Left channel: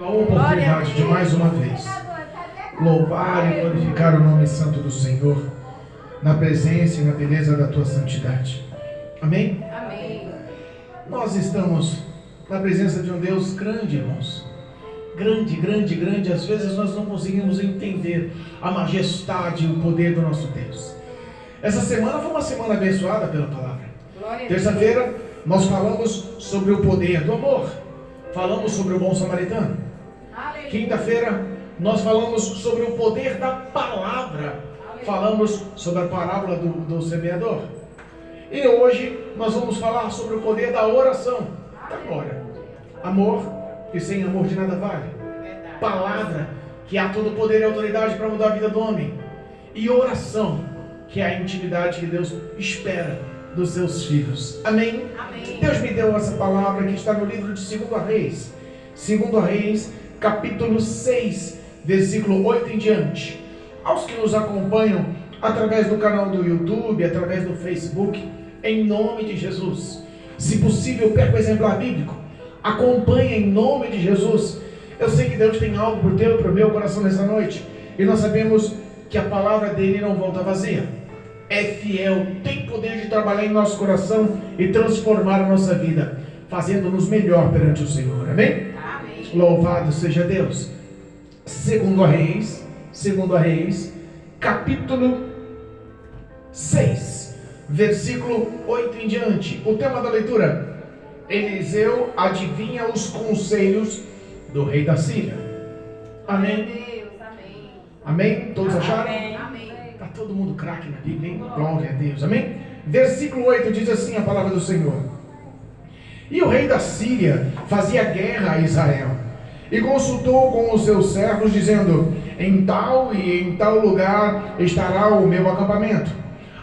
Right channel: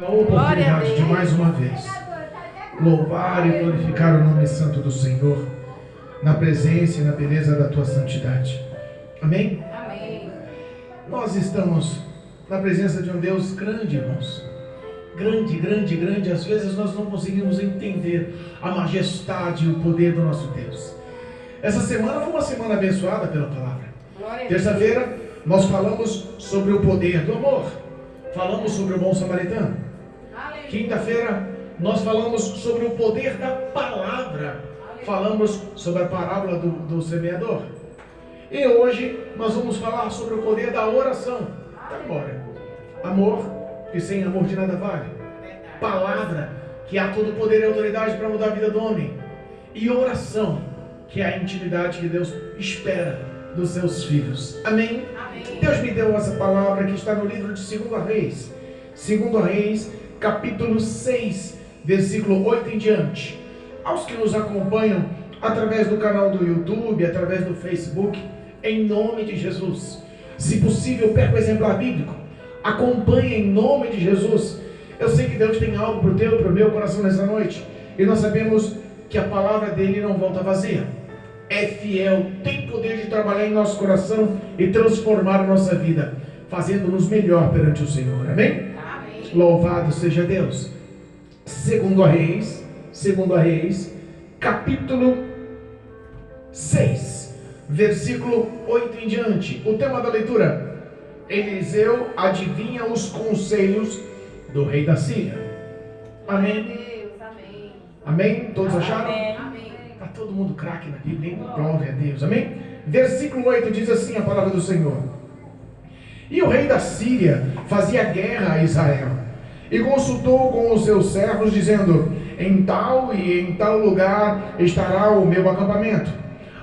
A oportunidade de mais uma vez louvar e glorificar o nome santo do Senhor na presença e na beleza da tua santidade. Amém? Amém. Nós estamos na presença de um Deus grande, irmãos. Grande, grande, grande. Às vezes nós não conseguimos entender a majestade e o poder do nosso Deus. Essa semana foi uma semana abençoada pela palavra. Terça-feira nós falamos sobre o poder do amor. Falamos sobre o bom samaritano. Quinta-feira nós falamos sobre o poder da palavra. Falamos sobre a parábola do semeador. E hoje nós vamos falar sobre o poder da oração. Agora, amor, que sem amor de nada vale. Palavra, que há todo o poder e autoridade para mudar a vida do homem. E oração, que é a intimidade que Deus espera dos seus filhos. Amém? Amém. Deus me deu essa palavra que está no livro de 2 Reis. 2 Reis, capítulo 6, versículo 8 em diante. Aos que nos acompanham através do canal do YouTube, através do Facebook, em nome de Jesus. Se possível, pega o exemplar bíblico. Acompanhe em nome de Jesus. Eu sei que Deus tem algo para o teu e para o meu coração nessa noite. E nós sabemos que a palavra dele não volta vazia. É fiel, tem poder de trabalhar em nosso coração e transformar a nossa vida, fazendo-nos melhor perante o Senhor. Amém? Amém. Louvado seja Deus. 2 Reis, capítulo 6, versículo 8 em diante. O tema da leitura: Eliseu adivinha os conselhos do rei da Síria. Amém? Deus, amém. Amém? Todos acharam? Amém. Está todo mundo craque na Bíblia, hein? Glória a Deus, amém? Versículo 8 diz assim a palavra do Senhor: E o rei da Síria fazia guerra a Israel, e consultou com os seus servos, dizendo: em tal e em tal lugar estará o meu acampamento.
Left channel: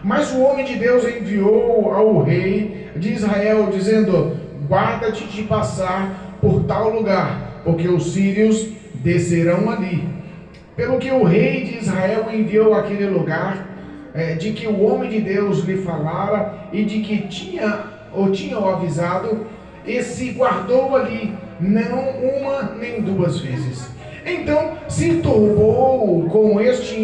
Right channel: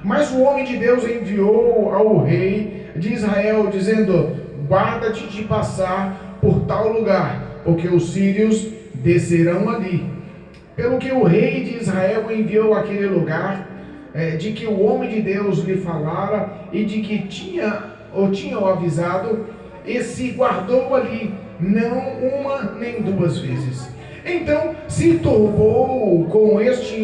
Mas o homem de Deus enviou ao rei de Israel, dizendo: guarda-te de passar por tal lugar, porque os sírios descerão ali. Pelo que o rei de Israel enviou àquele lugar, de que o homem de Deus lhe falara e de que tinha o avisado, e se guardou ali, não uma nem duas vezes. Então se turbou com este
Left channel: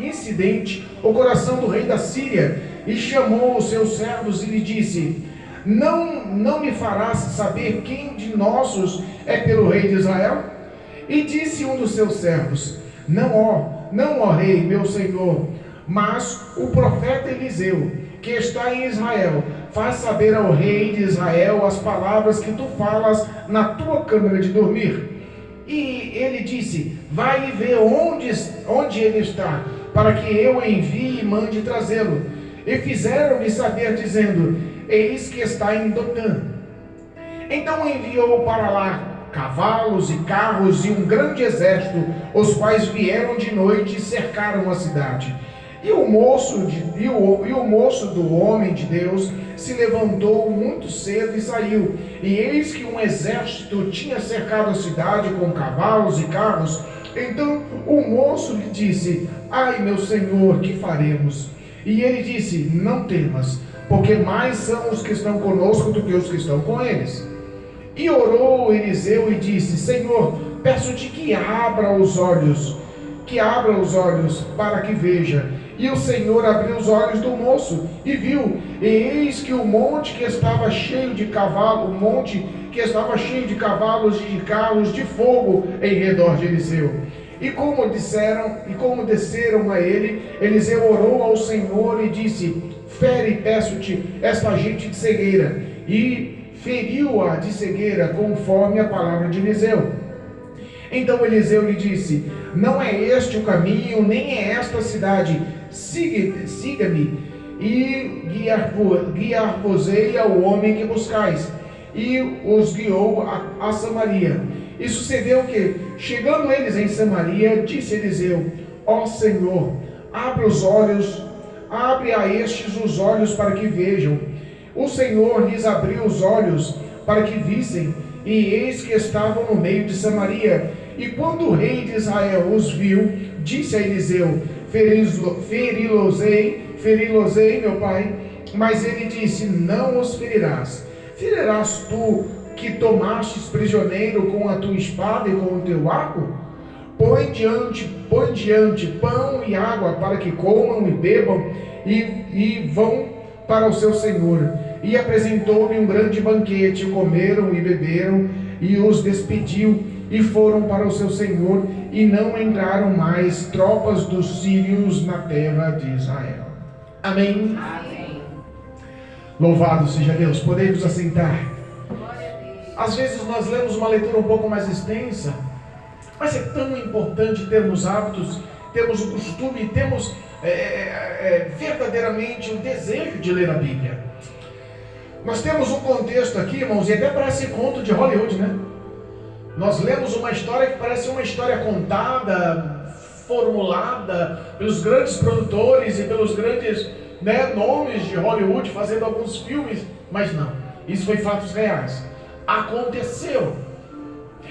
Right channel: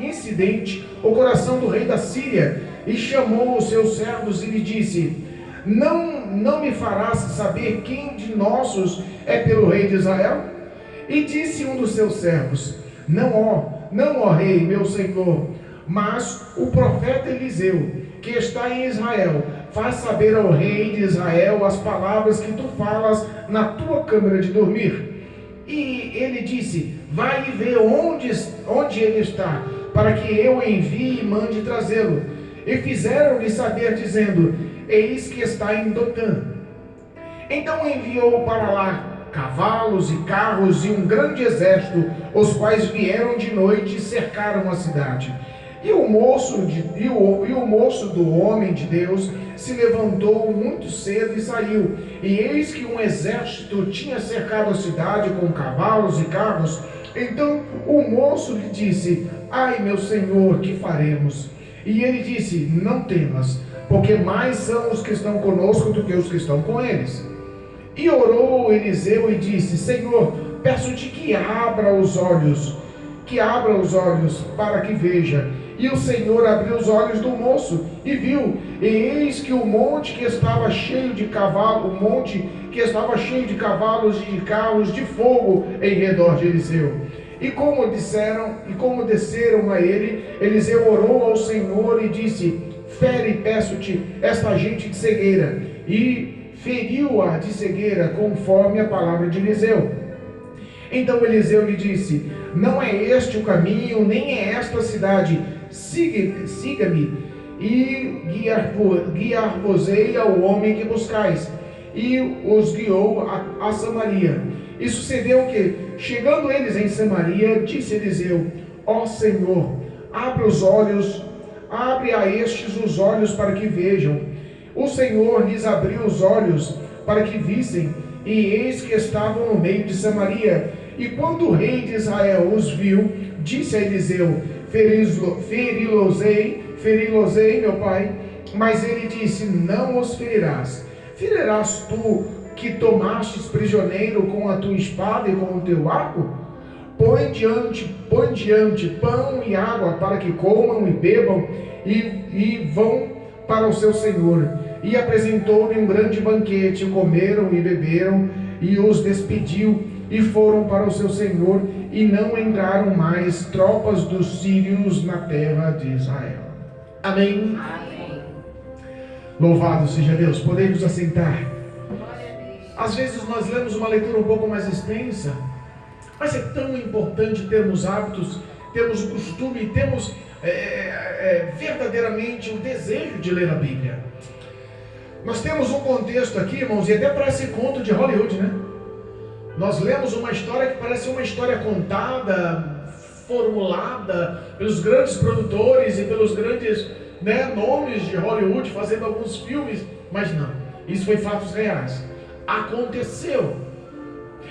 incidente o coração do rei da Síria, e chamou os seus servos e lhe disse: não me farás saber quem de nossos é pelo rei de Israel? E disse um dos seus servos: não, ó rei, meu senhor, mas o profeta Eliseu, que está em Israel, faz saber ao rei de Israel as palavras que tu falas na tua câmara de dormir. E ele disse: vai e vê onde ele está, para que eu envie e mande trazê-lo. E fizeram-lhe saber, dizendo: eis que está em Dotã. Então enviou para lá cavalos e carros e um grande exército, os quais vieram de noite e cercaram a cidade. E o moço do homem de Deus se levantou muito cedo e saiu. E eis que um exército tinha cercado a cidade com cavalos e carros. Então o moço lhe disse: ai, meu senhor, que faremos? E ele disse: não temas, porque mais são os que estão conosco do que os que estão com eles. E orou Eliseu e disse: Senhor, peço-te que abra os olhos para que veja. E o Senhor abriu os olhos do moço e viu, e eis que o monte que estava cheio de cavalos e de carros de fogo em redor de Eliseu. E como desceram a ele, Eliseu orou ao Senhor e disse: fere, peço-te, esta gente de cegueira. E feriu-a de cegueira, conforme a palavra de Eliseu. Então Eliseu lhe disse: não é este o caminho, nem é esta a cidade. Siga-me, e guiar-vos-ei ao homem que buscais. E os guiou a Samaria. E sucedeu que, chegando eles em Samaria, disse Eliseu: ó Senhor, abre a estes os olhos para que vejam. O Senhor lhes abriu os olhos para que vissem, e eis que estavam no meio de Samaria. E quando o rei de Israel os viu, disse a Eliseu: feri-los-ei, meu pai. Mas ele disse: não os ferirás. Ferirás tu, que tomastes prisioneiro com a tua espada e com o teu arco? Põe diante pão e água para que comam e bebam e vão para o seu senhor. E apresentou-lhe um grande banquete, comeram e beberam, e os despediu e foram para o seu senhor, e não entraram mais tropas dos sírios na terra de Israel. Amém? Amém. Louvado seja Deus. Podemos assentar. Às vezes nós lemos uma leitura um pouco mais extensa, mas é tão importante termos hábitos, termos o costume, termos verdadeiramente o desejo de ler a Bíblia. Nós temos um contexto aqui, irmãos, e até parece conto de Hollywood, né? Nós lemos uma história que parece uma história contada, formulada pelos grandes produtores e pelos grandes, nomes de Hollywood fazendo alguns filmes, mas não, isso foi fatos reais. Aconteceu.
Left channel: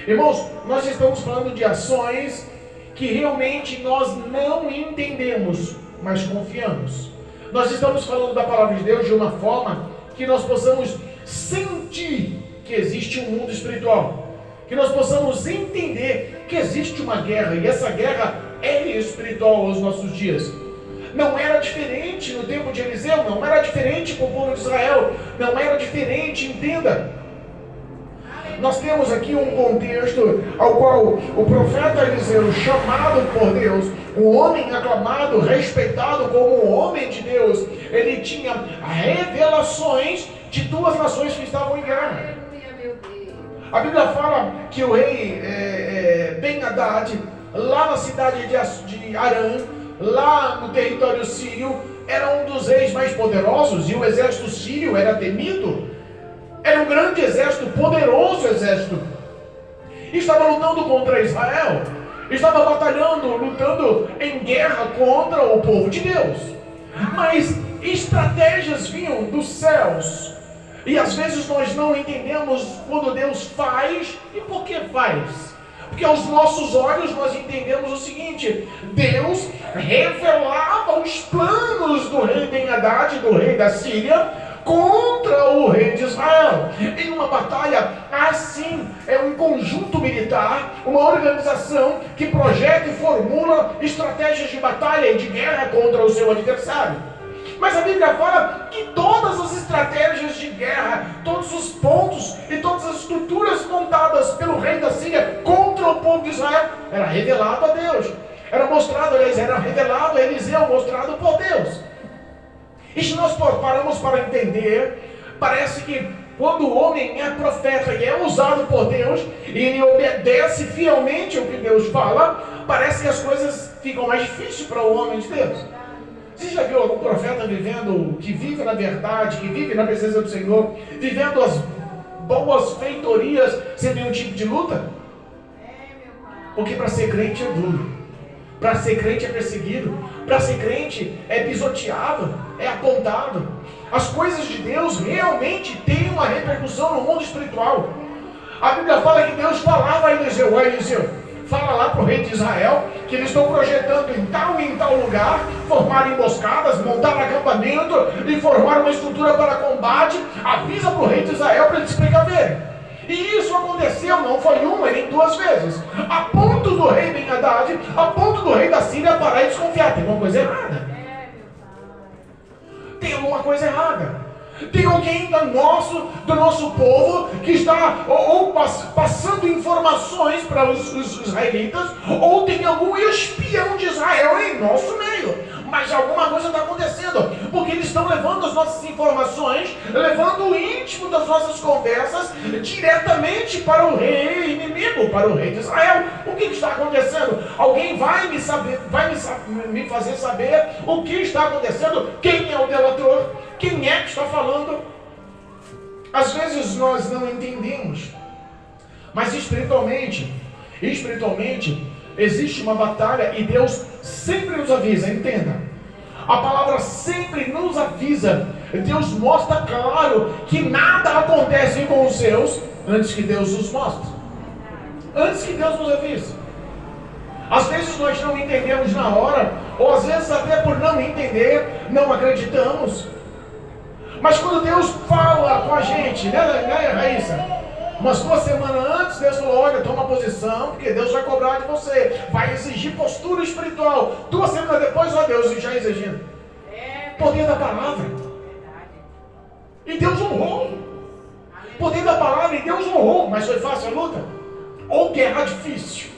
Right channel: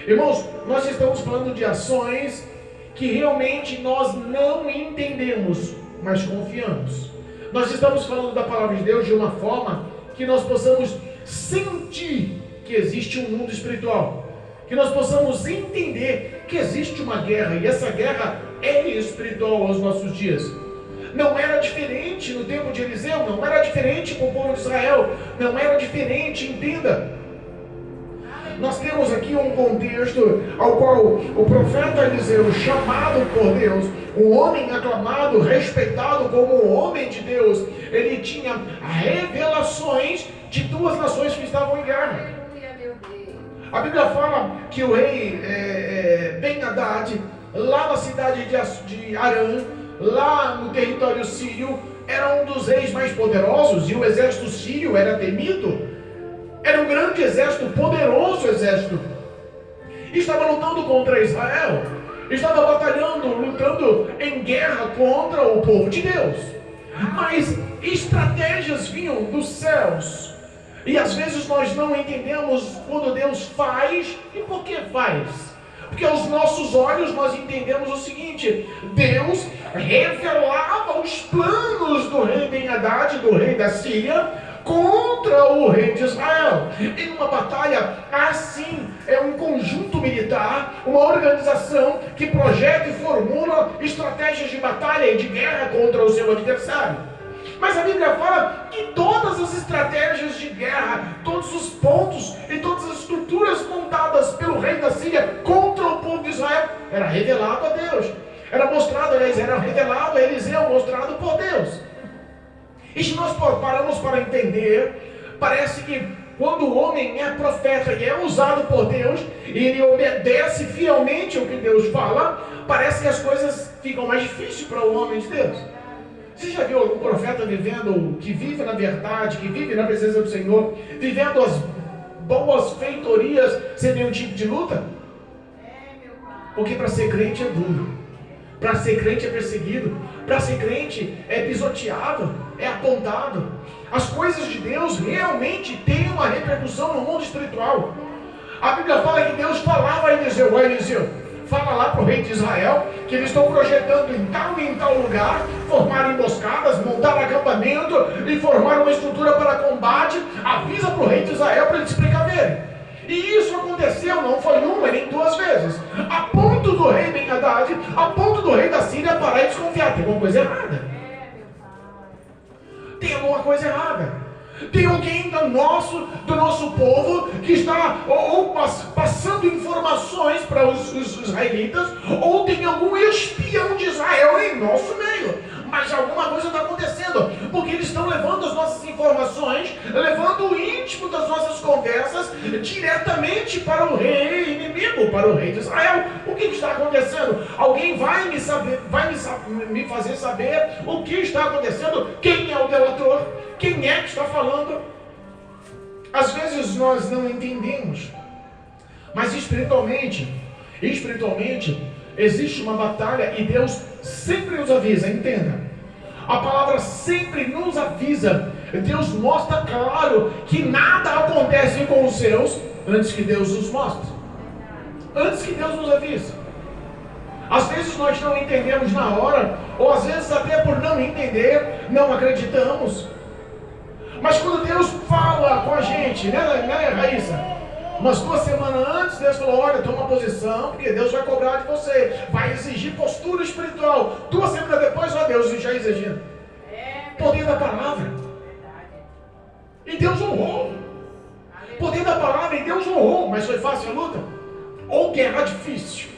Irmãos, nós estamos falando de ações que realmente nós não entendemos, mas confiamos. Nós estamos falando da palavra de Deus de uma forma que nós possamos sentir que existe um mundo espiritual, que nós possamos entender que existe uma guerra, e essa guerra é espiritual aos nossos dias. Não era diferente no tempo de Eliseu, não era diferente com o povo de Israel, não era diferente, entenda. Nós temos aqui um contexto ao qual o profeta Eliseu, chamado por Deus, um homem aclamado, respeitado como um homem de Deus, ele tinha revelações de duas nações que estavam em guerra. A Bíblia fala que o rei Ben-Hadad, lá na cidade de Arã, lá no território sírio, era um dos reis mais poderosos, e o exército sírio era temido. Era um grande exército, poderoso exército. Estava lutando contra Israel. Estava batalhando, lutando em guerra contra o povo de Deus. Mas estratégias vinham dos céus. E às vezes nós não entendemos quando Deus faz e por que faz. Porque aos nossos olhos nós entendemos o seguinte: Deus revelava os planos do rei Ben-Hadad, do rei da Síria, contra o rei de Israel. Em uma batalha assim, é um conjunto militar, uma organização que projeta e formula estratégias de batalha e de guerra contra o seu adversário. Mas a Bíblia fala que todas as estratégias de guerra, todos os pontos e todas as estruturas montadas pelo rei da Síria contra o povo de Israel era revelado a Deus, era mostrado, aliás, era revelado a Eliseu, mostrado por Deus. E se nós paramos para entender, parece que quando o homem é profeta e é usado por Deus, e ele obedece fielmente o que Deus fala, parece que as coisas ficam mais difíceis para o homem de Deus. Você já viu algum profeta que vive na verdade, que vive na presença do Senhor, vivendo as boas feitorias sem nenhum tipo de luta? Porque para ser crente é duro, para ser crente é perseguido, para ser crente é pisoteado, é apontado. As coisas de Deus realmente têm uma repercussão no mundo espiritual. A Bíblia fala que Deus falava a Eliseu: fala lá para o rei de Israel que eles estão projetando em tal e em tal lugar, formar emboscadas, montar acampamento e formar uma estrutura para combate. Avisa para o rei de Israel para eles se precaverem. E isso aconteceu, não foi uma nem duas vezes, a ponto do rei Ben-Hadad, a ponto do rei da Síria parar e desconfiar: tem alguma coisa errada. Tem alguma coisa errada. Tem alguém do nosso povo que está ou passando informações para os israelitas, ou tem algum espião de Israel em nosso meio. Mas alguma coisa está acontecendo, porque eles estão levando as nossas informações, levando o íntimo das nossas conversas diretamente para o rei inimigo, para o rei de Israel. O que está acontecendo? Alguém vai me fazer saber o que está acontecendo, quem é o delator, quem é que está falando. Às vezes nós não entendemos, mas espiritualmente existe uma batalha e Deus sempre nos avisa, entenda. A palavra sempre nos avisa. Deus mostra claro que nada acontece com os seus antes que Deus os mostre, antes que Deus nos avise. Às vezes nós não entendemos na hora, ou às vezes até por não entender, não acreditamos. Mas quando Deus fala com a gente, né, Raíssa? Umas 2 semanas antes, Deus falou: olha, toma posição, porque Deus vai cobrar de você, vai exigir postura espiritual. 2 semanas depois, ó, Deus já exigindo. Poder da palavra. E Deus honrou. Poder da palavra, e Deus honrou. Mas foi fácil a luta? Ou guerra difícil?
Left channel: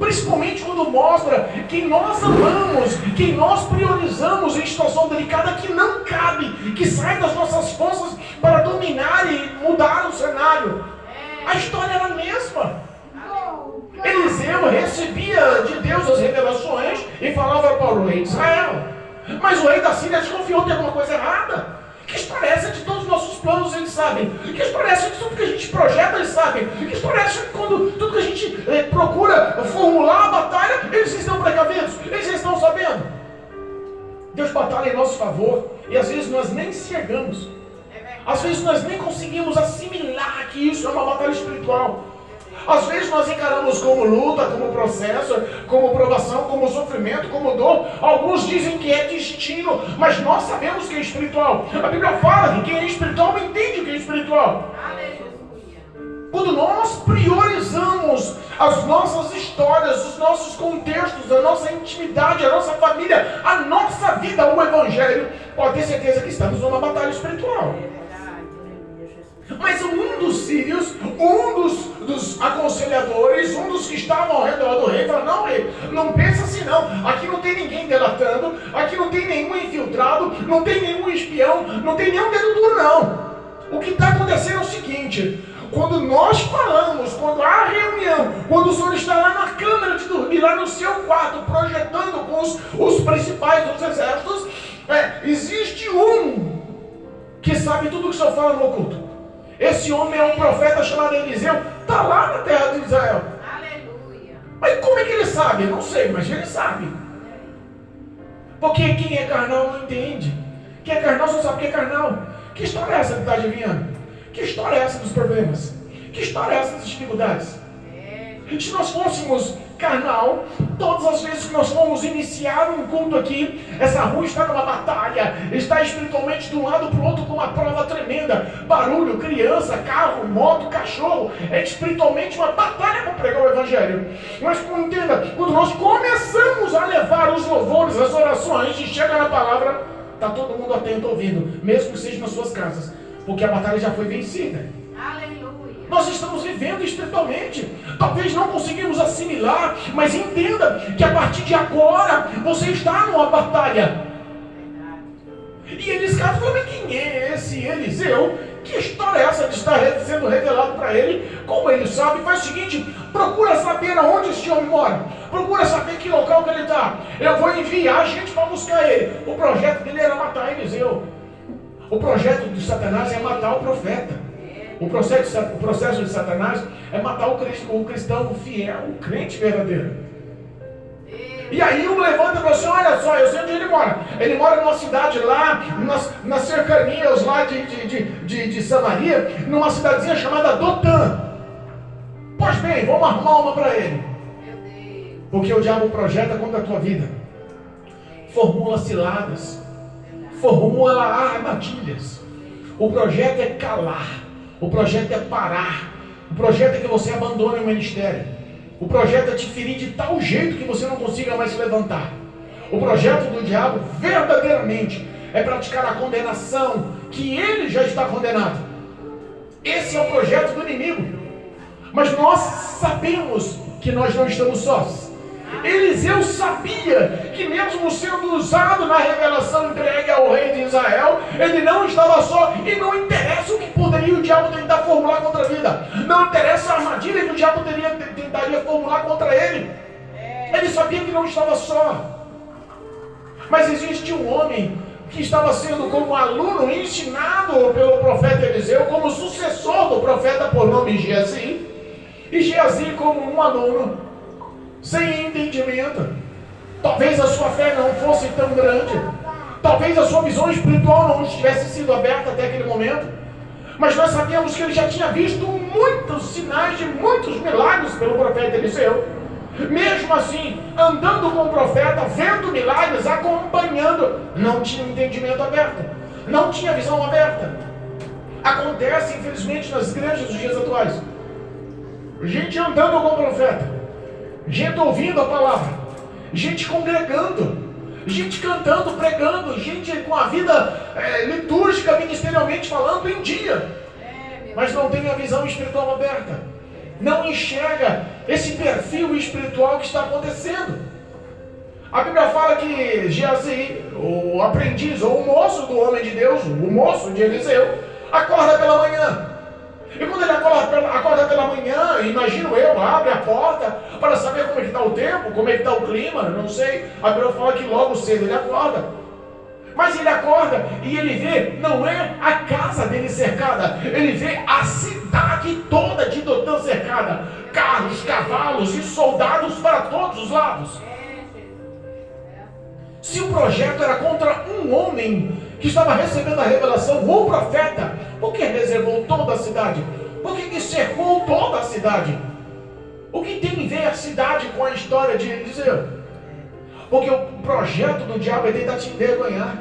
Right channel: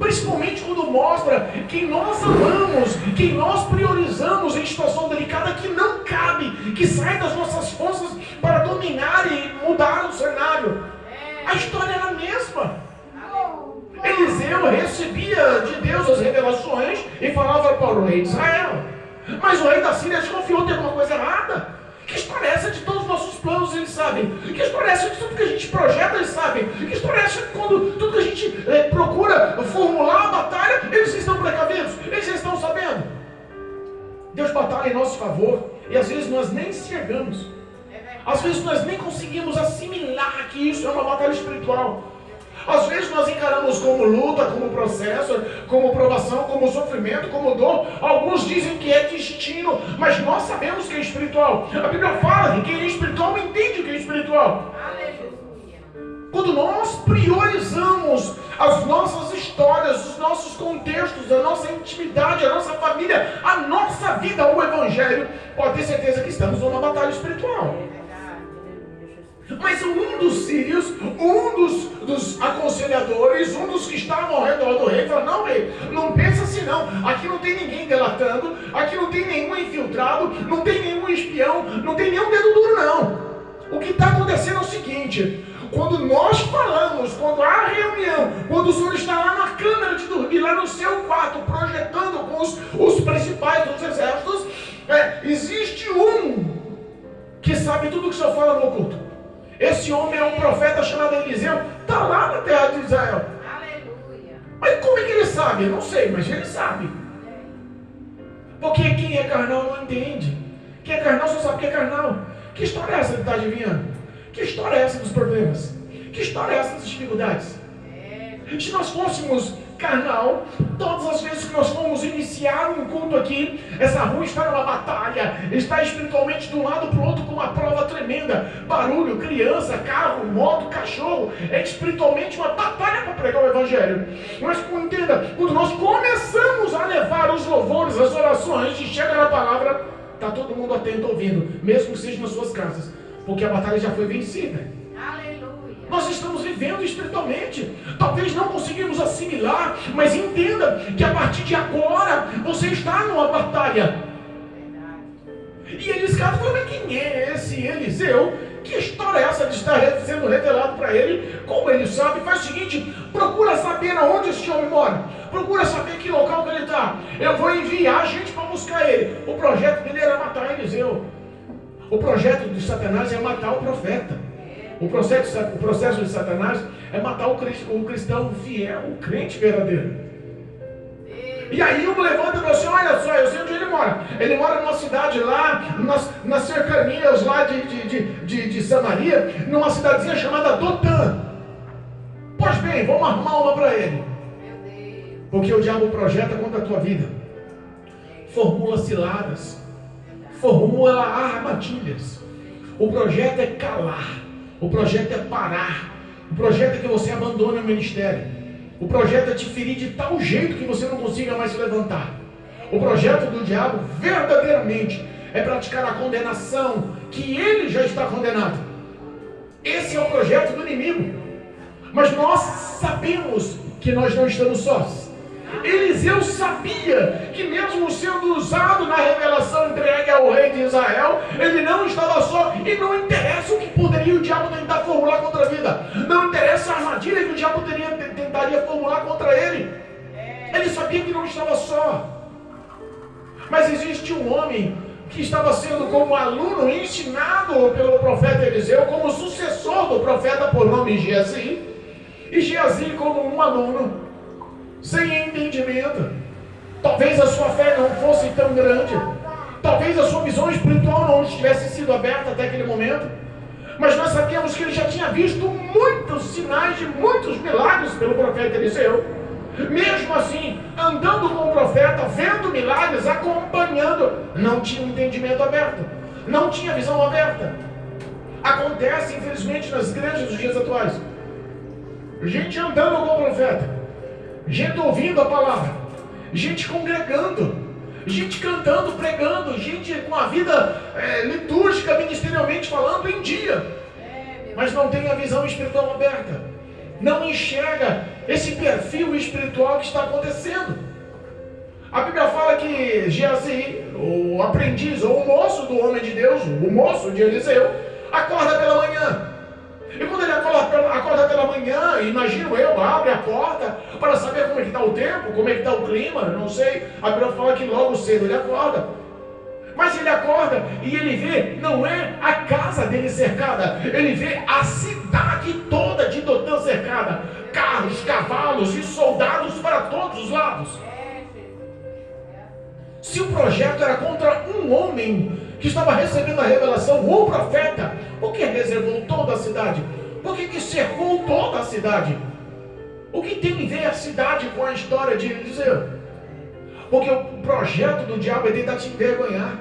Principalmente quando mostra quem nós amamos, quem nós priorizamos em situação delicada que não cabe, que sai das nossas forças para dominar e mudar o cenário. A história era a mesma. Eliseu recebia de Deus as revelações e falava para o rei de Israel. Mas o rei da Síria desconfiou de alguma coisa errada. Que história é essa de todos os nossos planos, eles sabem? Que história é essa de tudo que a gente projeta, eles sabem? Que história é essa de quando tudo que a gente procura formular a batalha, eles estão precavidos? Eles estão sabendo? Deus batalha em nosso favor e às vezes nós nem enxergamos. Às vezes nós nem conseguimos assimilar que isso é uma batalha espiritual. Às vezes nós encaramos como luta, como processo, como provação, como sofrimento, como dor. Alguns dizem que é destino, mas nós sabemos que é espiritual. A Bíblia fala que quem é espiritual não entende o que é espiritual. Quando nós priorizamos as nossas histórias, os nossos contextos, a nossa intimidade, a nossa família, a nossa vida, o Evangelho, pode ter certeza que estamos numa batalha espiritual. Mas um dos sírios, um dos aconselhadores, um dos que estavam ao redor do rei, falou: não, rei, não pensa assim não, aqui não tem ninguém delatando, aqui não tem nenhum infiltrado, não tem nenhum espião, não tem nenhum dedo duro não. O que está acontecendo é o seguinte: quando nós falamos, quando há reunião, quando o senhor está lá na câmara de dormir, lá no seu quarto, projetando com os principais dos exércitos, existe um que sabe tudo o que o senhor fala no oculto. Esse homem é um profeta chamado Eliseu, está lá na terra de Israel. Aleluia. Mas como é que ele sabe? Eu não sei, mas ele sabe. Porque quem é carnal não entende. Quem é carnal só sabe que é carnal. Que história é essa que está adivinhando? Que história é essa dos problemas? Que história é essa das dificuldades? Se nós fôssemos carnal, todas as vezes que nós fomos iniciar um culto aqui, essa rua está numa batalha, está espiritualmente de um lado para o outro com uma prova tremenda, barulho, criança, carro, moto, cachorro, é espiritualmente uma batalha para pregar o Evangelho. Mas entenda, quando nós começamos a levar os louvores, as orações, e chega na palavra, está todo mundo atento ouvindo, mesmo que seja nas suas casas, porque a batalha já foi vencida. Nós estamos vivendo espiritualmente. Talvez não conseguimos assimilar, mas entenda que a partir de agora você está numa batalha. E eles falaram: quem é esse Eliseu? Que história é essa de estar sendo revelado para ele? Como ele sabe? Faz o seguinte: procura saber aonde esse homem mora. Procura saber que local que ele está. Eu vou enviar gente para buscar ele. O projeto dele era matar Eliseu. O projeto de Satanás é matar o profeta. O processo de Satanás é matar o cristão fiel, o crente verdadeiro. E aí um levanta e fala assim: olha só, eu sei onde ele mora. Ele mora numa cidade lá, nas cercanias lá de Samaria, numa cidadezinha chamada Dotã. Pois bem, vamos arrumar uma para ele. Porque o diabo projeta contra a tua vida. Formula ciladas. Formula armadilhas. O projeto é calar. O projeto é parar. O projeto é que você abandone o ministério. O projeto é te ferir de tal jeito que você não consiga mais se levantar. O projeto do diabo, verdadeiramente, é praticar a condenação, que ele já está condenado. Esse é o projeto do inimigo. Mas nós sabemos que nós não estamos sós. Eliseu sabia que mesmo sendo usado na revelação entregue ao rei de Israel, ele não estava só, e não interessa o que poderia o diabo tentar formular contra a vida, não interessa a armadilha que o diabo tentaria formular contra ele. Ele sabia que não estava só. Mas existe um homem que estava sendo como aluno ensinado pelo profeta Eliseu, como sucessor do profeta por nome Geazi, e Geazi como um aluno sem entendimento. Talvez a sua fé não fosse tão grande, talvez a sua visão espiritual não tivesse sido aberta até aquele momento, mas nós sabemos que ele já tinha visto muitos sinais de muitos milagres pelo profeta Eliseu. Mesmo assim, andando com o profeta, vendo milagres, acompanhando, não tinha entendimento aberto, não tinha visão aberta. Acontece, infelizmente, nas igrejas dos dias atuais. gente andando com o profeta, gente ouvindo a palavra, gente congregando, gente cantando, pregando, gente com a vida litúrgica, ministerialmente falando, em dia, mas não tem a visão espiritual aberta, não enxerga esse perfil espiritual que está acontecendo. A Bíblia fala que Geazi, o aprendiz ou o moço do homem de Deus, o moço de Eliseu, acorda pela manhã. E quando ele acorda pela manhã, imagino eu, abre a porta para saber como é que está o tempo, como é que está o clima, não sei. A Bíblia fala que logo cedo ele acorda. Mas ele acorda e ele vê, não é a casa dele cercada, ele vê a cidade toda de Dotã cercada. Carros, cavalos e soldados para todos os lados. Se o projeto era contra um homem que estava recebendo a revelação, ou profeta, por que reservou toda a cidade? Por que cercou toda a cidade? O que tem a ver a cidade com a história de Eliseu? Porque o projeto do diabo é tentar te envergonhar.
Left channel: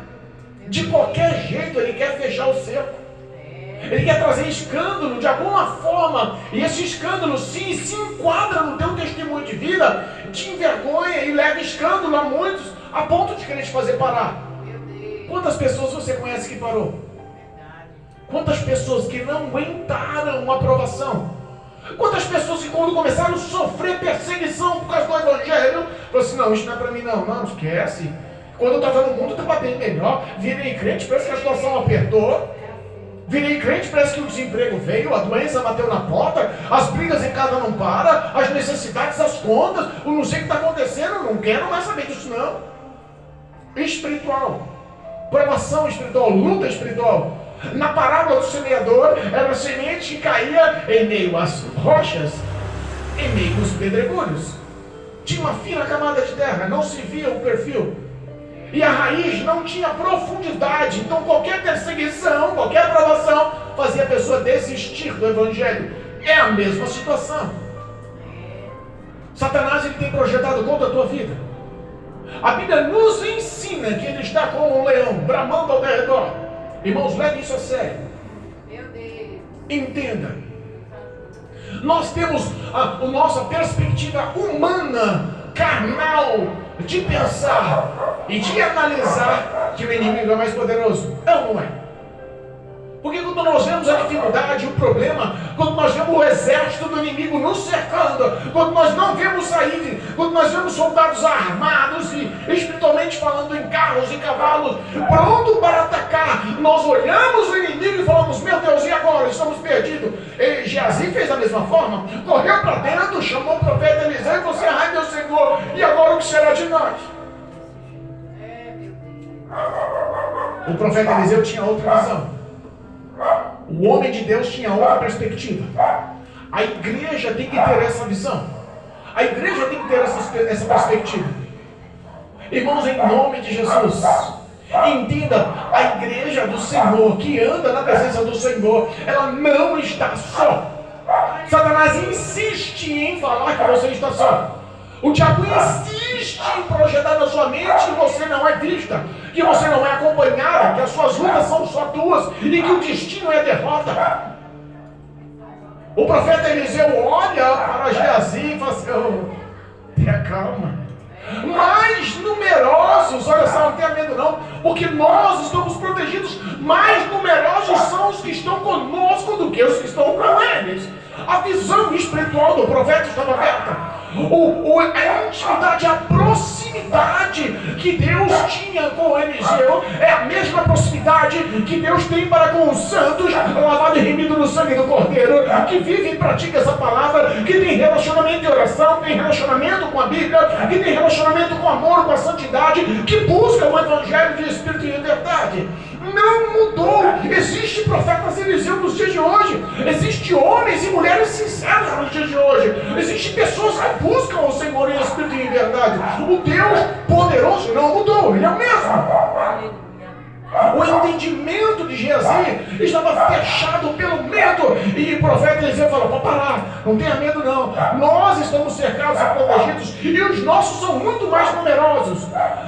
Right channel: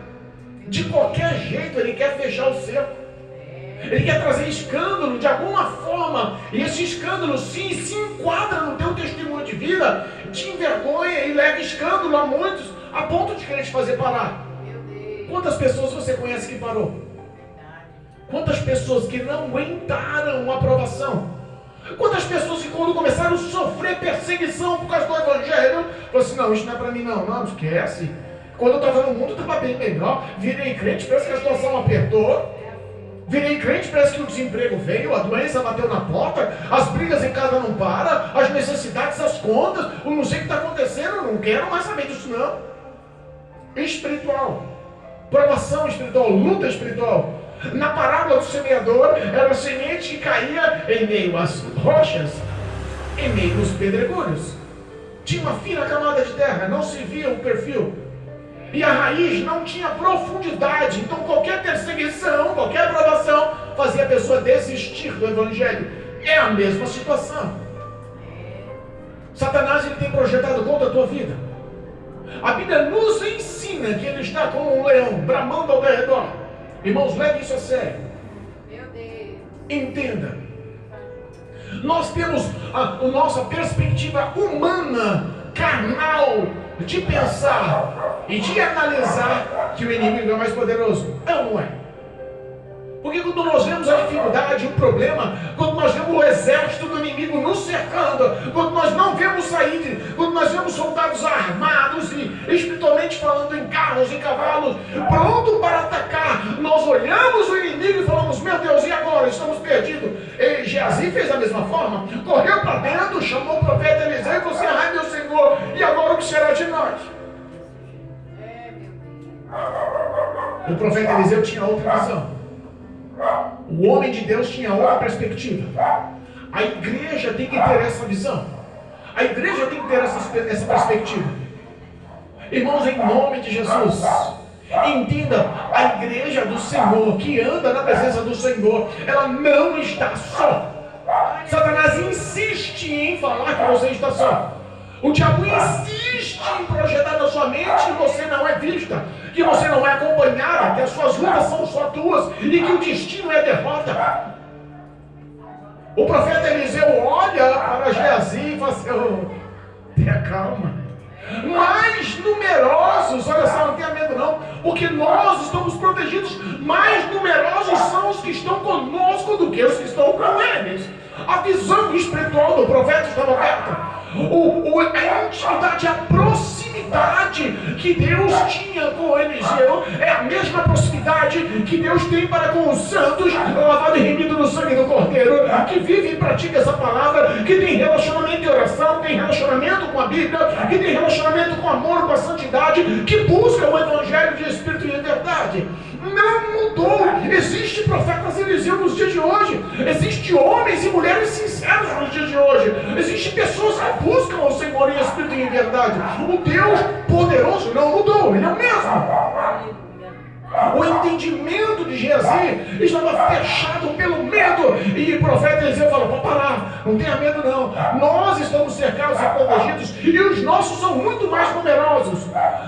De qualquer jeito ele quer fechar o cerco. Ele quer trazer escândalo de alguma forma. E esse escândalo sim se enquadra no teu testemunho de vida, te envergonha e leva escândalo a muitos, a ponto de querer te fazer parar. Quantas pessoas você conhece que parou? Quantas pessoas que não aguentaram a aprovação? Quantas pessoas que quando começaram a sofrer perseguição por causa do evangelho, falaram assim, não, isso não é para mim não, esquece. Quando eu estava no mundo, estava bem melhor. Virei crente, parece que a situação apertou. Virei crente, parece que o desemprego veio, a doença bateu na porta, as brigas em casa não param, as necessidades, as contas, eu não sei o que está acontecendo, eu não quero mais saber disso não. Espiritual, provação espiritual, luta espiritual. Na parábola do semeador, era a semente que caía em meio às rochas, em meio aos pedregulhos. Tinha uma fina camada de terra, não se via o perfil. E a raiz não tinha profundidade. Então qualquer perseguição, qualquer aprovação fazia a pessoa desistir do evangelho. É a mesma situação. Satanás ele tem projetado contra a tua vida. A Bíblia nos ensina que ele está como um leão, bramando ao redor. Irmãos, leve isso a sério. Entenda. Nós temos a nossa perspectiva humana, carnal, de pensar e de analisar que o inimigo é mais poderoso. Não é. Porque quando nós vemos a dificuldade, o problema, quando nós vemos o exército do inimigo nos cercando, quando nós não vemos sair, quando nós vemos soldados armados e espiritualmente falando em carros e cavalos, pronto para atacar, nós olhamos o inimigo e falamos, meu Deus, e agora? Estamos perdidos. E Geazi fez da mesma forma, correu para dentro, chamou o profeta Eliseu e falou assim, ai meu Senhor, e agora o que será de nós? O profeta Eliseu tinha outra visão. O homem de Deus tinha outra perspectiva. A igreja tem que ter essa visão. A igreja tem que ter essa perspectiva. Irmãos, em nome de Jesus, entenda, a igreja do Senhor, que anda na presença do Senhor, ela não está só. Satanás insiste em falar que você está só. O diabo insiste em projetar na sua mente que você não é vista, que você não é acompanhada, que as suas lutas são só tuas e que o destino é a derrota. O profeta Eliseu olha para Geazi e fala assim, tenha calma. Mais numerosos, olha só, não tenha medo não, porque nós estamos protegidos, mais numerosos são os que estão conosco do que os que estão com eles. A visão espiritual do profeta estava aberta. A intimidade, a proximidade que Deus tinha com Eliseu é a mesma proximidade que Deus tem para com os santos, lavado e remido no sangue do Cordeiro, que vive e pratica essa palavra, que tem relacionamento de oração, tem relacionamento com a Bíblia, que tem relacionamento com amor, com a santidade, que busca o Evangelho de Espírito e de verdade. Não mudou. Existe profetas Eliseu nos dias de hoje. Existe homens e mulheres sinceros nos dias de hoje. Existem pessoas que buscam o Senhor em Espírito e em verdade. O Deus poderoso não mudou. Ele é o mesmo. O entendimento de Geazi estava fechado pelo medo. E o profeta Eliseu falou, vou parar, não tenha medo não. Nós estamos cercados e protegidos e os nossos são muito mais numerosos.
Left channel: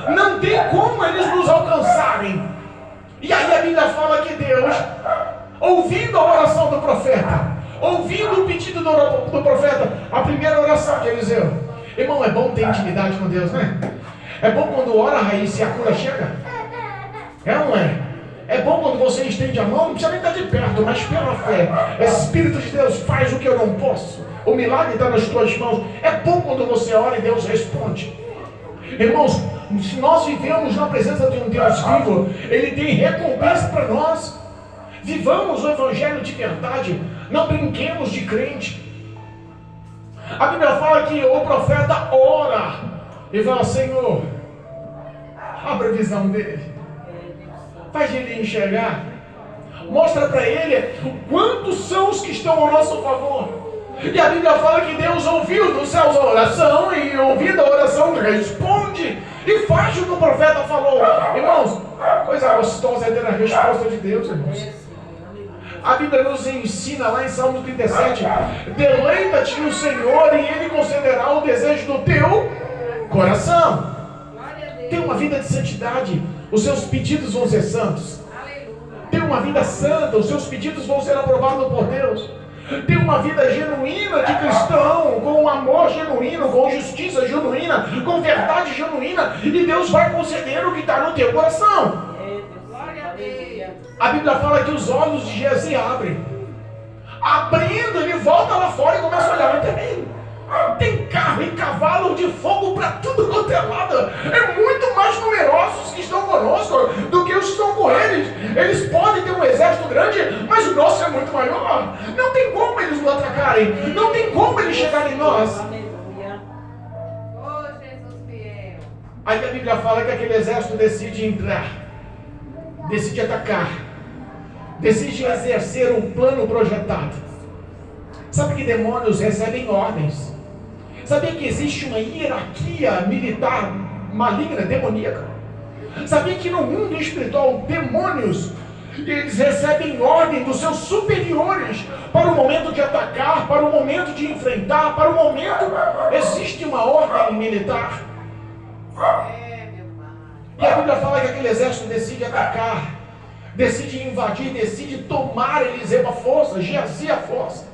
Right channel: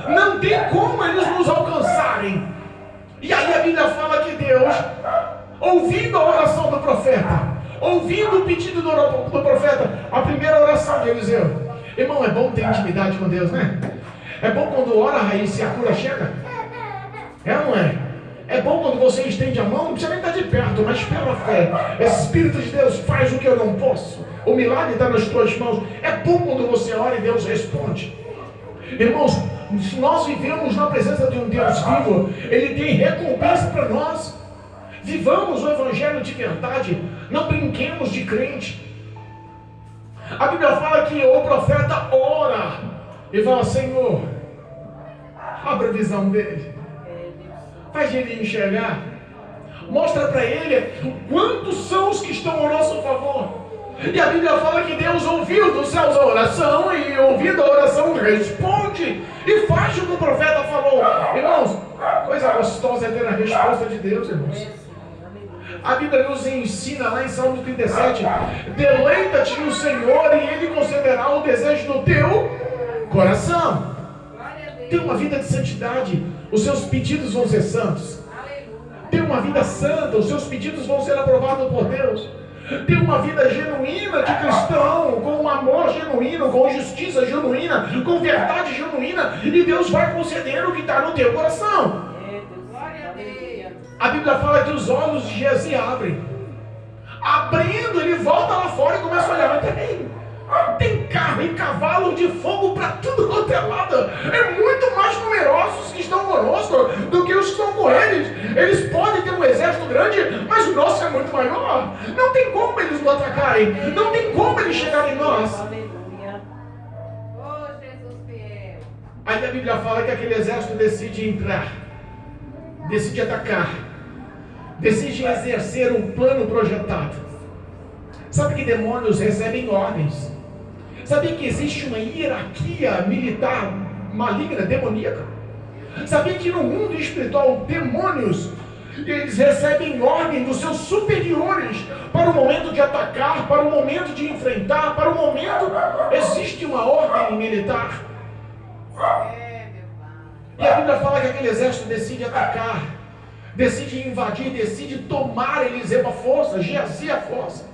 Não tem como eles nos alcançarem. E aí a Bíblia fala que Deus, ouvindo a oração do profeta, ouvindo o pedido do profeta, a primeira oração de Eliseu. Irmão, é bom ter intimidade com Deus, né? É bom quando ora a raiz e a cura chega. É ou não é? É bom quando você estende a mão, não precisa nem estar de perto, mas pela fé. Espírito de Deus, faz o que eu não posso. O milagre está nas tuas mãos. É bom quando você ora e Deus responde. Irmãos, se nós vivemos na presença de um Deus vivo, Ele tem recompensa para nós. Vivamos o Evangelho de verdade. Não brinquemos de crente. A Bíblia fala que o profeta ora e fala: Senhor, abre a visão dele, faz ele enxergar, mostra para ele quantos são os que estão ao nosso favor. E a Bíblia fala que Deus ouviu dos céus a oração, e ouvindo a oração responde e faz o que o profeta falou. Irmãos, coisa gostosa é ter a resposta de Deus, irmãos. A Bíblia nos ensina lá em Salmo 37: deleita-te no Senhor e Ele concederá o desejo do teu coração. Tem uma vida de santidade, os seus pedidos vão ser santos. Tem uma vida santa, os seus pedidos vão ser aprovados por Deus. Tem uma vida genuína de cristão, com um amor genuíno, com justiça genuína, com verdade genuína, e Deus vai conceder o que está no teu coração. A Bíblia fala que os olhos de Geazi abrem. Abrindo, ele volta lá fora e começa a olhar. Tem carro e cavalo de fogo para tudo quanto é lado. É muito mais numerosos que estão conosco do que os que estão com eles. Eles podem ter um exército grande, mas o nosso é muito maior. Não tem como eles nos atacarem. Não tem como eles chegarem em nós. Aí a Bíblia fala que aquele exército decide entrar, decide atacar, decide exercer um plano projetado. Sabe que demônios recebem ordens? Sabia que existe uma hierarquia militar maligna, demoníaca? Sabia que no mundo espiritual, demônios, eles recebem ordem dos seus superiores para o momento de atacar, para o momento de enfrentar, para o momento... Existe uma ordem militar. E a Bíblia fala que aquele exército decide atacar, decide invadir, decide tomar Eliseu à força, Geazi à força.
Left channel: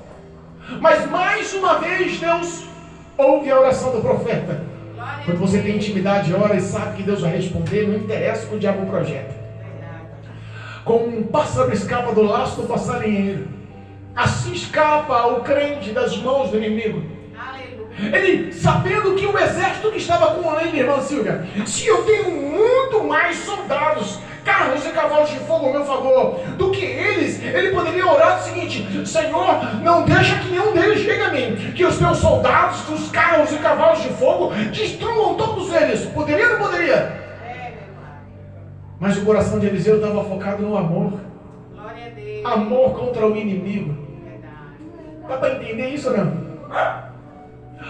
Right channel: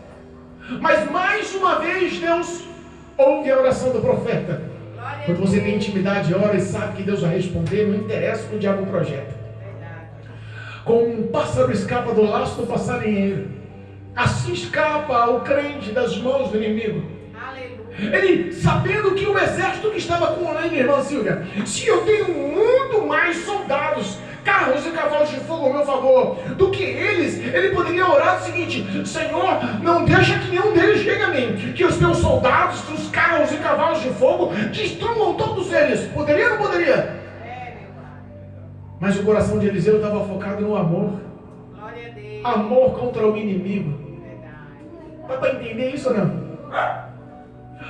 Mas mais uma vez Deus ouve a oração do profeta. Quando você tem intimidade, ora e sabe que Deus vai responder, não interessa o que o diabo projeta. Como um pássaro escapa do laço do passarinheiro, assim escapa o crente das mãos do inimigo. Ele, sabendo que o exército que estava com ele, irmã Silvia, se eu tenho muito mais soldados, carros e cavalos de fogo ao meu favor do que eles, ele poderia orar o seguinte: Senhor, não deixa que nenhum deles chegue a mim, que os meus soldados, os carros e cavalos de fogo destruam todos eles. Poderia ou não poderia? Mas o coração de Eliseu estava focado no amor. Amor contra o inimigo. Dá para entender isso ou não?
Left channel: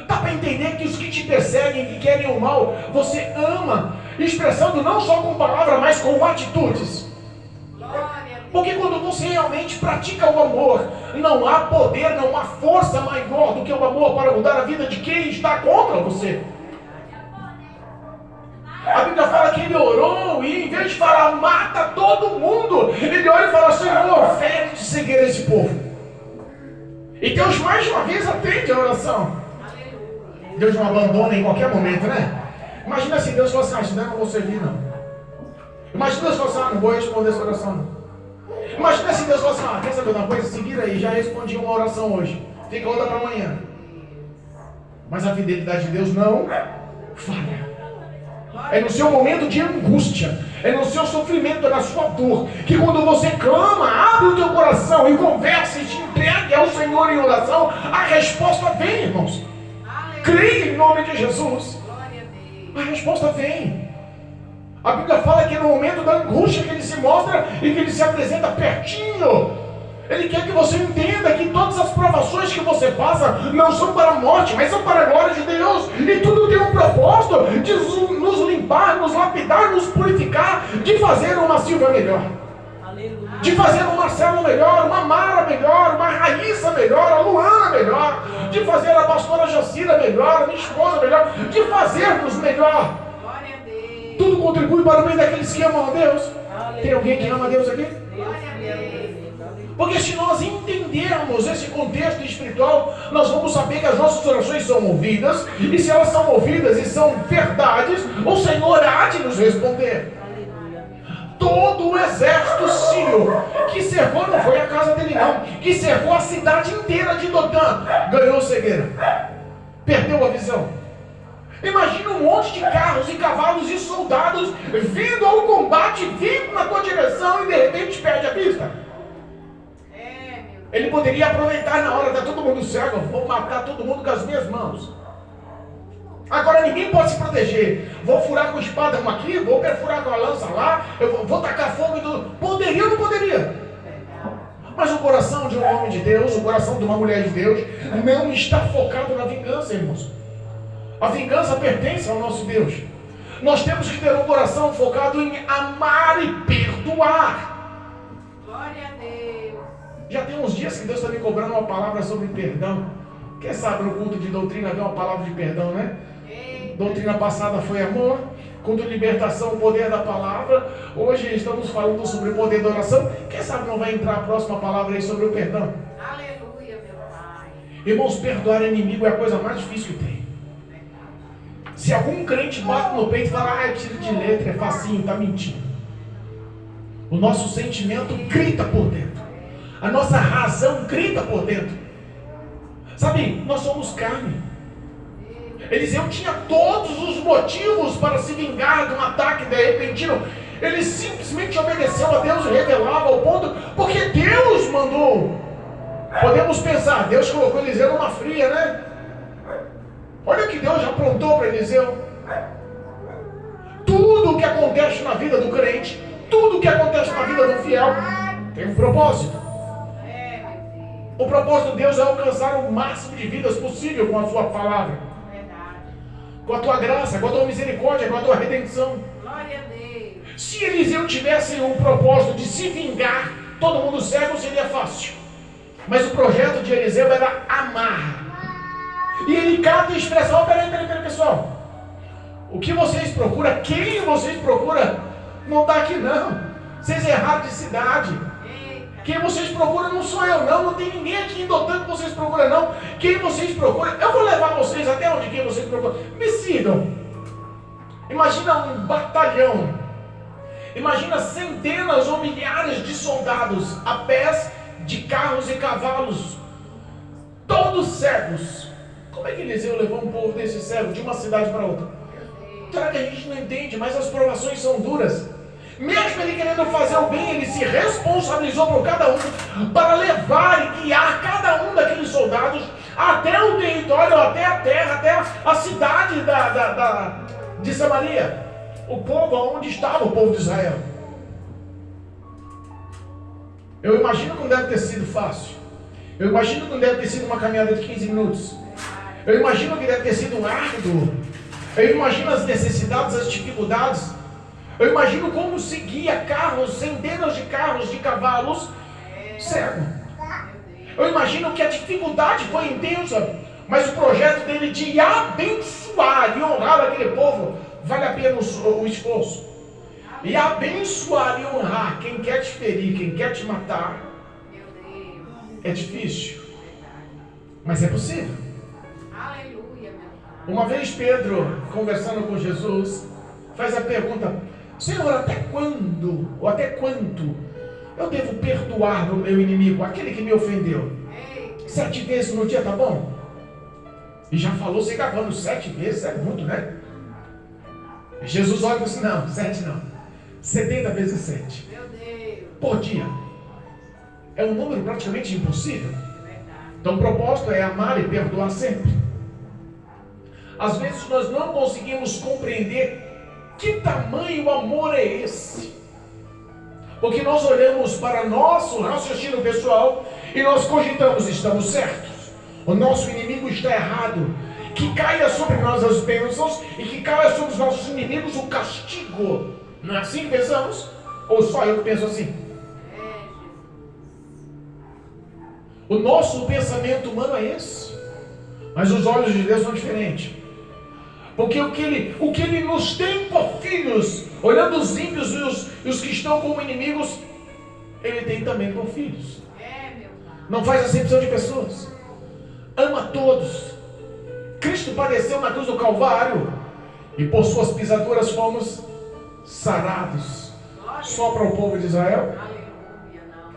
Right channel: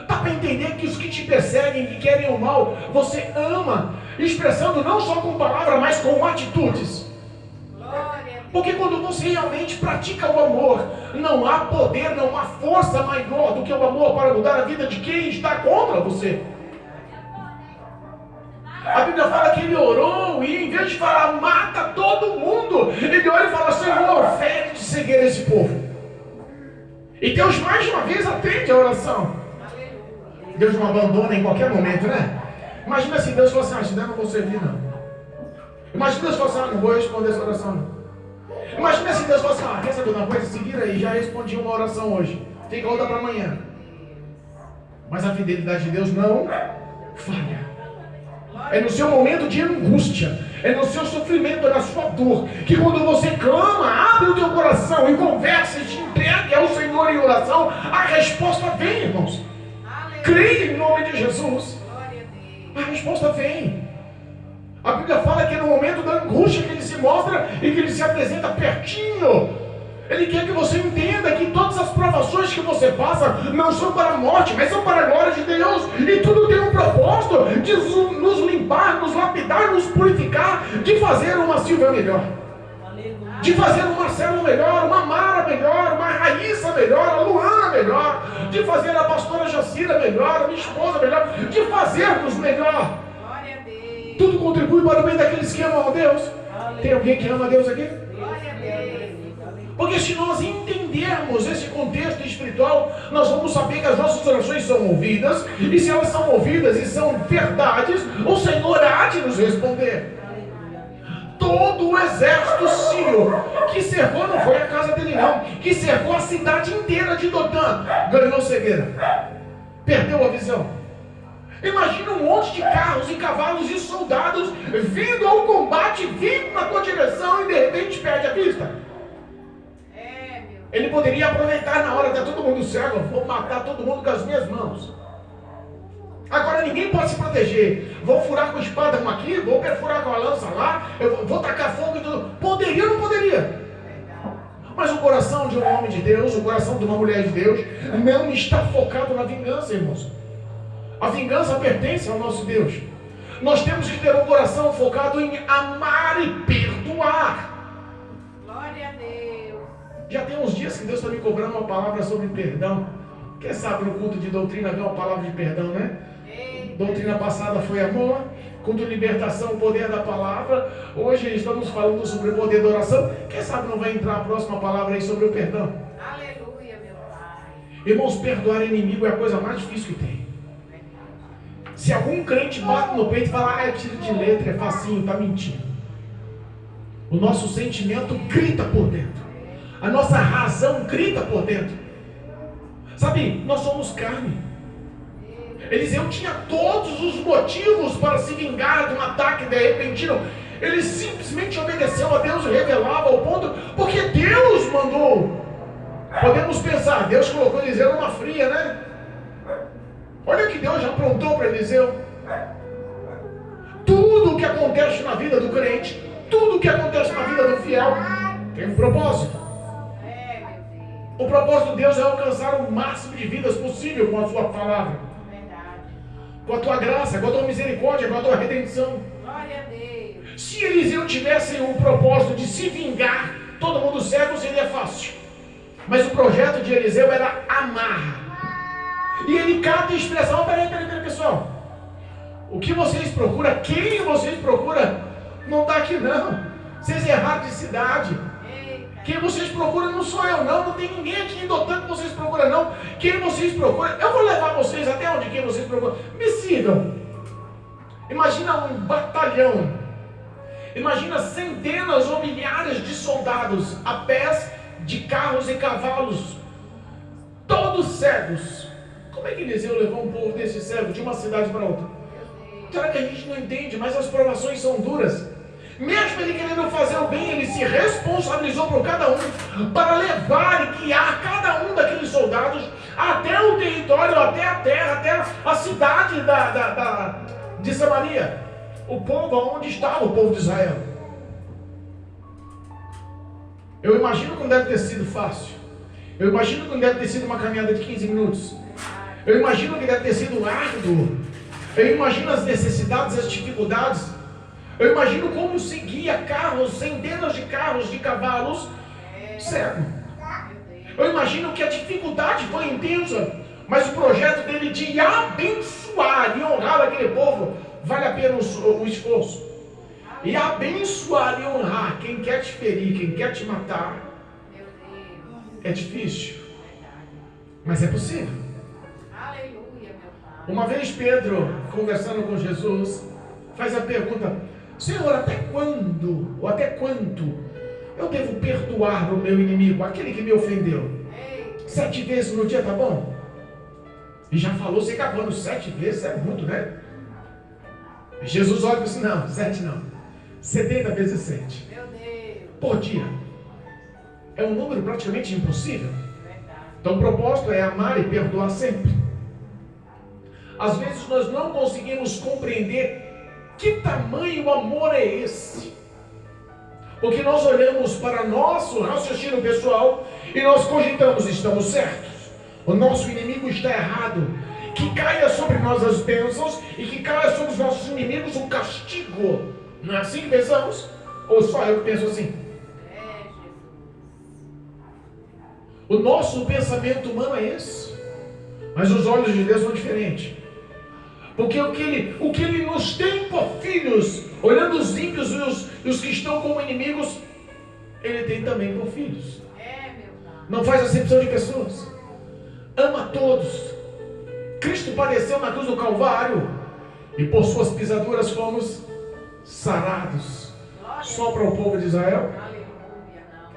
Dá para entender que os que te perseguem, que querem o mal, você ama, expressando não só com palavras, mas com atitudes. Porque quando você realmente pratica o amor, não há poder, não há força maior do que o amor para mudar a vida de quem está contra você. A Bíblia fala que ele orou e em vez de falar mata todo mundo, ele ora e fala: Senhor, fere de cegueira esse povo. E Deus mais uma vez atende a oração. Deus não abandona em qualquer momento, né? Imagina se Deus fosse assim: não vou servir não. Imagina Deus fosse assim: não vou responder essa oração não. Imagina se Deus fosse assim: quer saber uma coisa? Se vira aí, já respondi uma oração hoje, fica outra para amanhã. Mas a fidelidade de Deus não falha. É no seu momento de angústia, é no seu sofrimento, é na sua dor, que quando você clama, abre o teu coração e conversa e te entregue ao Senhor em oração, a resposta vem, irmãos. Creia em nome de Jesus. A resposta vem. A Bíblia fala que no momento da angústia que ele se mostra e que ele se apresenta pertinho. Ele quer que você entenda que todas as provações que você passa não são para a morte, mas são para a glória de Deus. E tudo tem um propósito de nos limpar, nos lapidar, nos purificar, de fazer uma Silvia melhor. De fazer um Marcelo melhor, uma Mara melhor, uma Raíssa melhor, a Luana melhor, de fazer a pastora Jacira melhor, a minha esposa melhor, de fazermos melhor. Tudo contribui para o bem daqueles que amam a Deus. Tem alguém que ama a Deus aqui? Porque se nós entendermos esse contexto espiritual, nós vamos saber que as nossas orações são ouvidas, e se elas são ouvidas e são verdades, o Senhor há de nos responder. Todo o exército sírio que cercou, não foi a casa dele não, que cercou a cidade inteira de Dotã, ganhou cegueira, perdeu a visão. Imagina um monte de carros e cavalos e soldados vindo ao combate, vindo na tua direção e de repente perde a vista. Ele poderia aproveitar na hora, está todo mundo cego, vou matar todo mundo com as minhas mãos. Agora ninguém pode se proteger. Vou furar com espada uma aqui, vou perfurar com a lança lá, eu vou tacar fogo e tudo. Poderia ou não poderia? Mas o coração de um homem de Deus, o coração de uma mulher de Deus, não está focado na vingança, irmãos. A vingança pertence ao nosso Deus. Nós temos que ter um coração focado em amar e perdoar. Glória a Deus. Já tem uns dias que Deus está me cobrando uma palavra sobre perdão. Quem sabe no culto de doutrina vem uma palavra de perdão, né? Doutrina passada foi amor, culto de libertação, o poder da palavra. Hoje estamos falando sobre o poder da oração. Quem sabe não vai entrar a próxima palavra aí sobre o perdão? Aleluia, meu Pai. Irmãos, perdoar inimigo é a coisa mais difícil que tem. Se algum crente bate no peito e fala, é tiro de letra, é facinho, está mentindo. O nosso sentimento grita por dentro. A nossa razão grita por dentro. Sabe, nós somos carne. Eliseu tinha todos os motivos para se vingar de um ataque de repentino. Ele simplesmente obedeceu a Deus e revelava ao ponto, porque Deus mandou. Podemos pensar, Deus colocou Eliseu numa fria, né? Olha o que Deus já aprontou para Eliseu. Tudo o que acontece na vida do crente, tudo o que acontece na vida do fiel, tem um propósito. O propósito de Deus é alcançar o máximo de vidas possível com a sua palavra. Com a tua graça, com a tua misericórdia, com a tua redenção. Glória a Deus. Se Eliseu tivesse o propósito de se vingar, todo mundo cego, seria fácil. Mas o projeto de Eliseu era amar. E ele cata a expressão, peraí, pessoal. O que vocês procuram, quem vocês procuram, não está aqui não. Vocês erraram de cidade. Quem vocês procuram não sou eu não tem ninguém aqui em Dotã que vocês procuram não. Quem vocês procuram, eu vou levar vocês até onde quem vocês procuram. Me sigam. Imagina um batalhão. Imagina centenas ou milhares de soldados a pés de carros e cavalos, todos cegos. Como é que Eliseu levou um povo desse cego de uma cidade para outra? Será que a gente não entende? Mas as provações são duras. Mesmo ele querendo fazer o bem, ele se responsabilizou por cada um para levar e guiar cada um daqueles soldados até o território, até a terra, até a cidade de Samaria. O povo onde estava o povo de Israel. Eu imagino que não deve ter sido fácil. Eu imagino que não deve ter sido uma caminhada de 15 minutos. Eu imagino que deve ter sido árduo. Eu imagino as necessidades, as dificuldades. Eu imagino como seguia carros, centenas de carros, de cavalos, cego. Eu imagino que a dificuldade foi intensa, mas o projeto dele de abençoar e honrar aquele povo, vale a pena o esforço. E abençoar e honrar quem quer te ferir, quem quer te matar, é difícil, mas é possível. Uma vez Pedro, conversando com Jesus, faz a pergunta: Senhor, até quando, ou até quanto eu devo perdoar o meu inimigo, aquele que me ofendeu? 7 vezes no dia, tá bom? E já falou se acabando 7 vezes, é muito, né? Jesus olha e diz: não, 7 não, 70 vezes 7 por dia. É um número praticamente impossível. Então o propósito é amar e perdoar sempre. Às vezes nós não conseguimos compreender que tamanho amor é esse? Porque nós olhamos para nosso raciocínio pessoal e nós cogitamos, estamos certos, o nosso inimigo está errado, que caia sobre nós as bênçãos e que caia sobre os nossos inimigos o castigo. Não é assim que pensamos? Ou só eu que penso assim? O nosso pensamento humano é esse, mas os olhos de Deus são diferentes. Porque o que ele nos tem por filhos, olhando os ímpios e os que estão como inimigos, ele tem também por filhos. Não faz acepção de pessoas. Ama todos. Cristo padeceu na cruz do Calvário e por suas pisaduras fomos sarados. Só para o povo de Israel?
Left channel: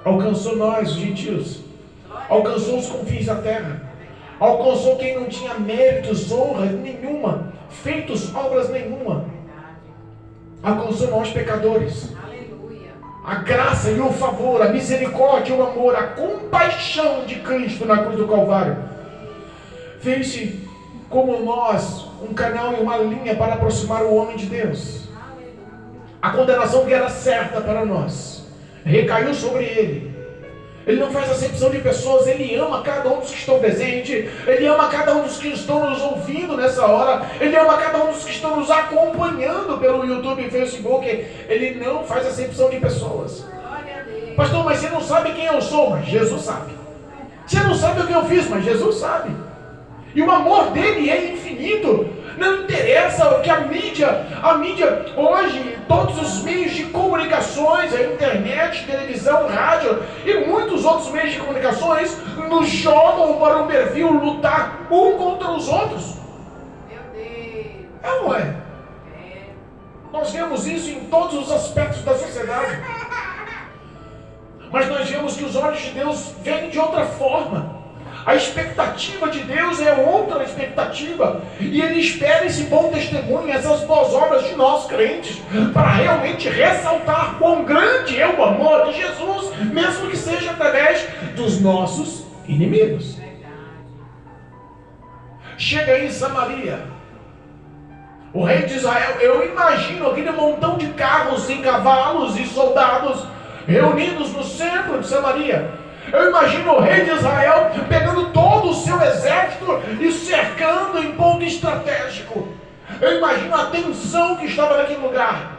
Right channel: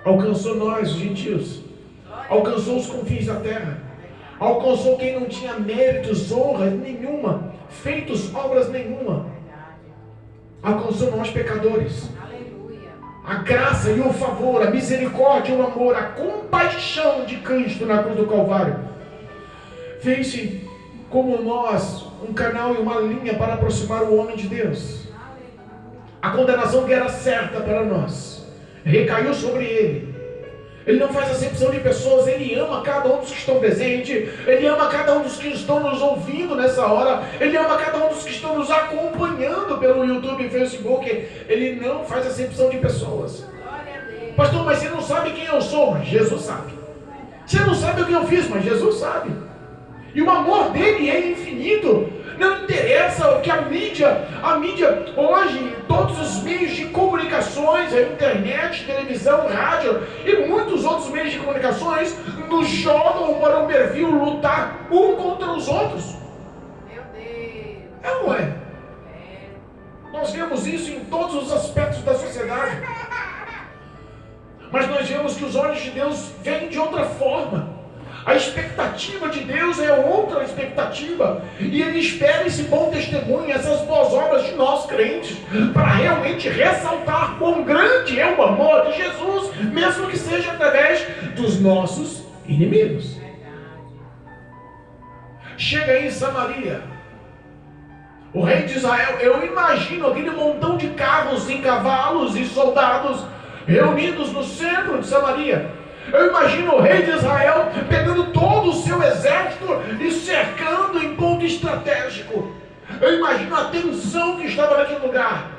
Alcançou nós, gentios. Alcançou os confins da terra. Alcançou quem não tinha méritos, honra nenhuma, feitos obras nenhuma. Alcançou nós, pecadores. A graça e o favor, a misericórdia, o amor, a compaixão de Cristo na cruz do Calvário fez-se como nós um canal e uma linha para aproximar o homem de Deus. A condenação que era certa para nós recaiu sobre ele. Ele não faz acepção de pessoas, ele ama cada um dos que estão presentes, ele ama cada um dos que estão nos ouvindo nessa hora, ele ama cada um dos que estão nos acompanhando pelo YouTube e Facebook. Ele não faz acepção de pessoas. Pastor, mas você não sabe quem eu sou, mas Jesus sabe. Você não sabe o que eu fiz, mas Jesus sabe. E o amor dele é infinito. Não interessa o que a mídia hoje, todos os meios de comunicações, a internet, televisão, rádio e muitos outros meios de comunicações nos jogam para um perfil lutar um contra os outros. Meu Deus. É ou não é? Nós vemos isso em todos os aspectos da sociedade. Mas nós vemos que os olhos de Deus vêm de outra forma. A expectativa de Deus é outra expectativa. E Ele espera esse bom testemunho, essas boas obras de nós crentes, para realmente ressaltar quão grande é o amor de Jesus, mesmo que seja através dos nossos inimigos. Chega aí em Samaria, o rei de Israel, eu imagino aquele montão de carros e cavalos e soldados reunidos no centro de Samaria. Eu imagino o rei de Israel pegando todo o seu exército e cercando em ponto estratégico. Eu imagino a tensão que estava naquele lugar.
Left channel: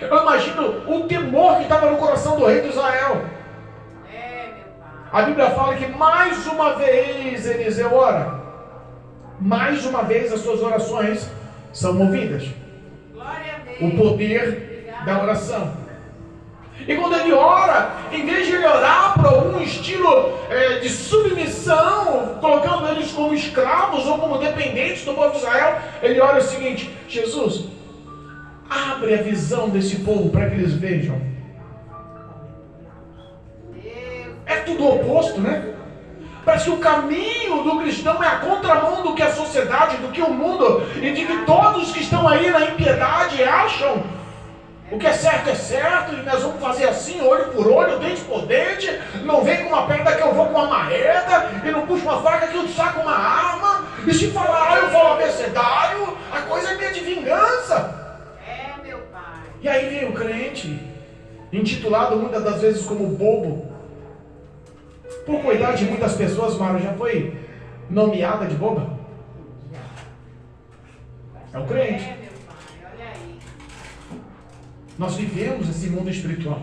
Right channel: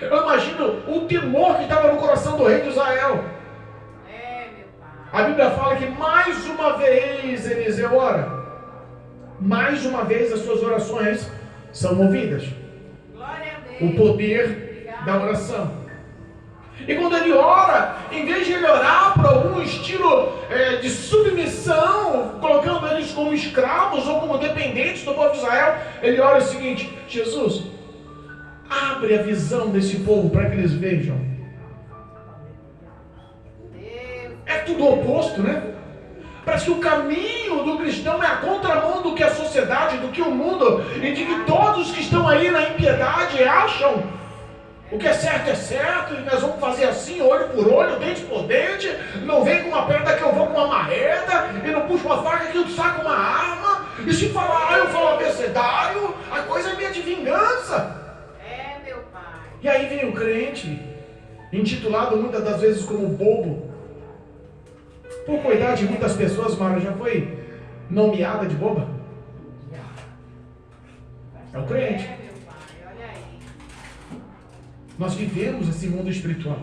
Eu imagino o temor que estava no coração do rei de Israel. A Bíblia fala que mais uma vez Eliseu ora. Mais uma vez as suas orações são ouvidas. O poder da oração. E quando ele ora, em vez de ele orar para um estilo de submissão, colocando eles como escravos ou como dependentes do povo de Israel, ele ora o seguinte: Jesus, abre a visão desse povo para que eles vejam. É tudo oposto, né? Parece que o caminho do cristão é a contramão do que a sociedade, do que o mundo, e de que todos que estão aí na impiedade acham. O que é certo, e nós vamos fazer assim, olho por olho, dente por dente. Não vem com uma pedra que eu vou com uma marreta, e não puxo uma faca que eu saco uma arma. E se falar, eu falo abecedário, a coisa é minha de vingança. É, meu pai. E aí vem o crente, intitulado muitas das vezes como bobo. Por cuidar de muitas pessoas, Mara, já foi nomeada de boba? É o crente. Nós vivemos esse mundo espiritual.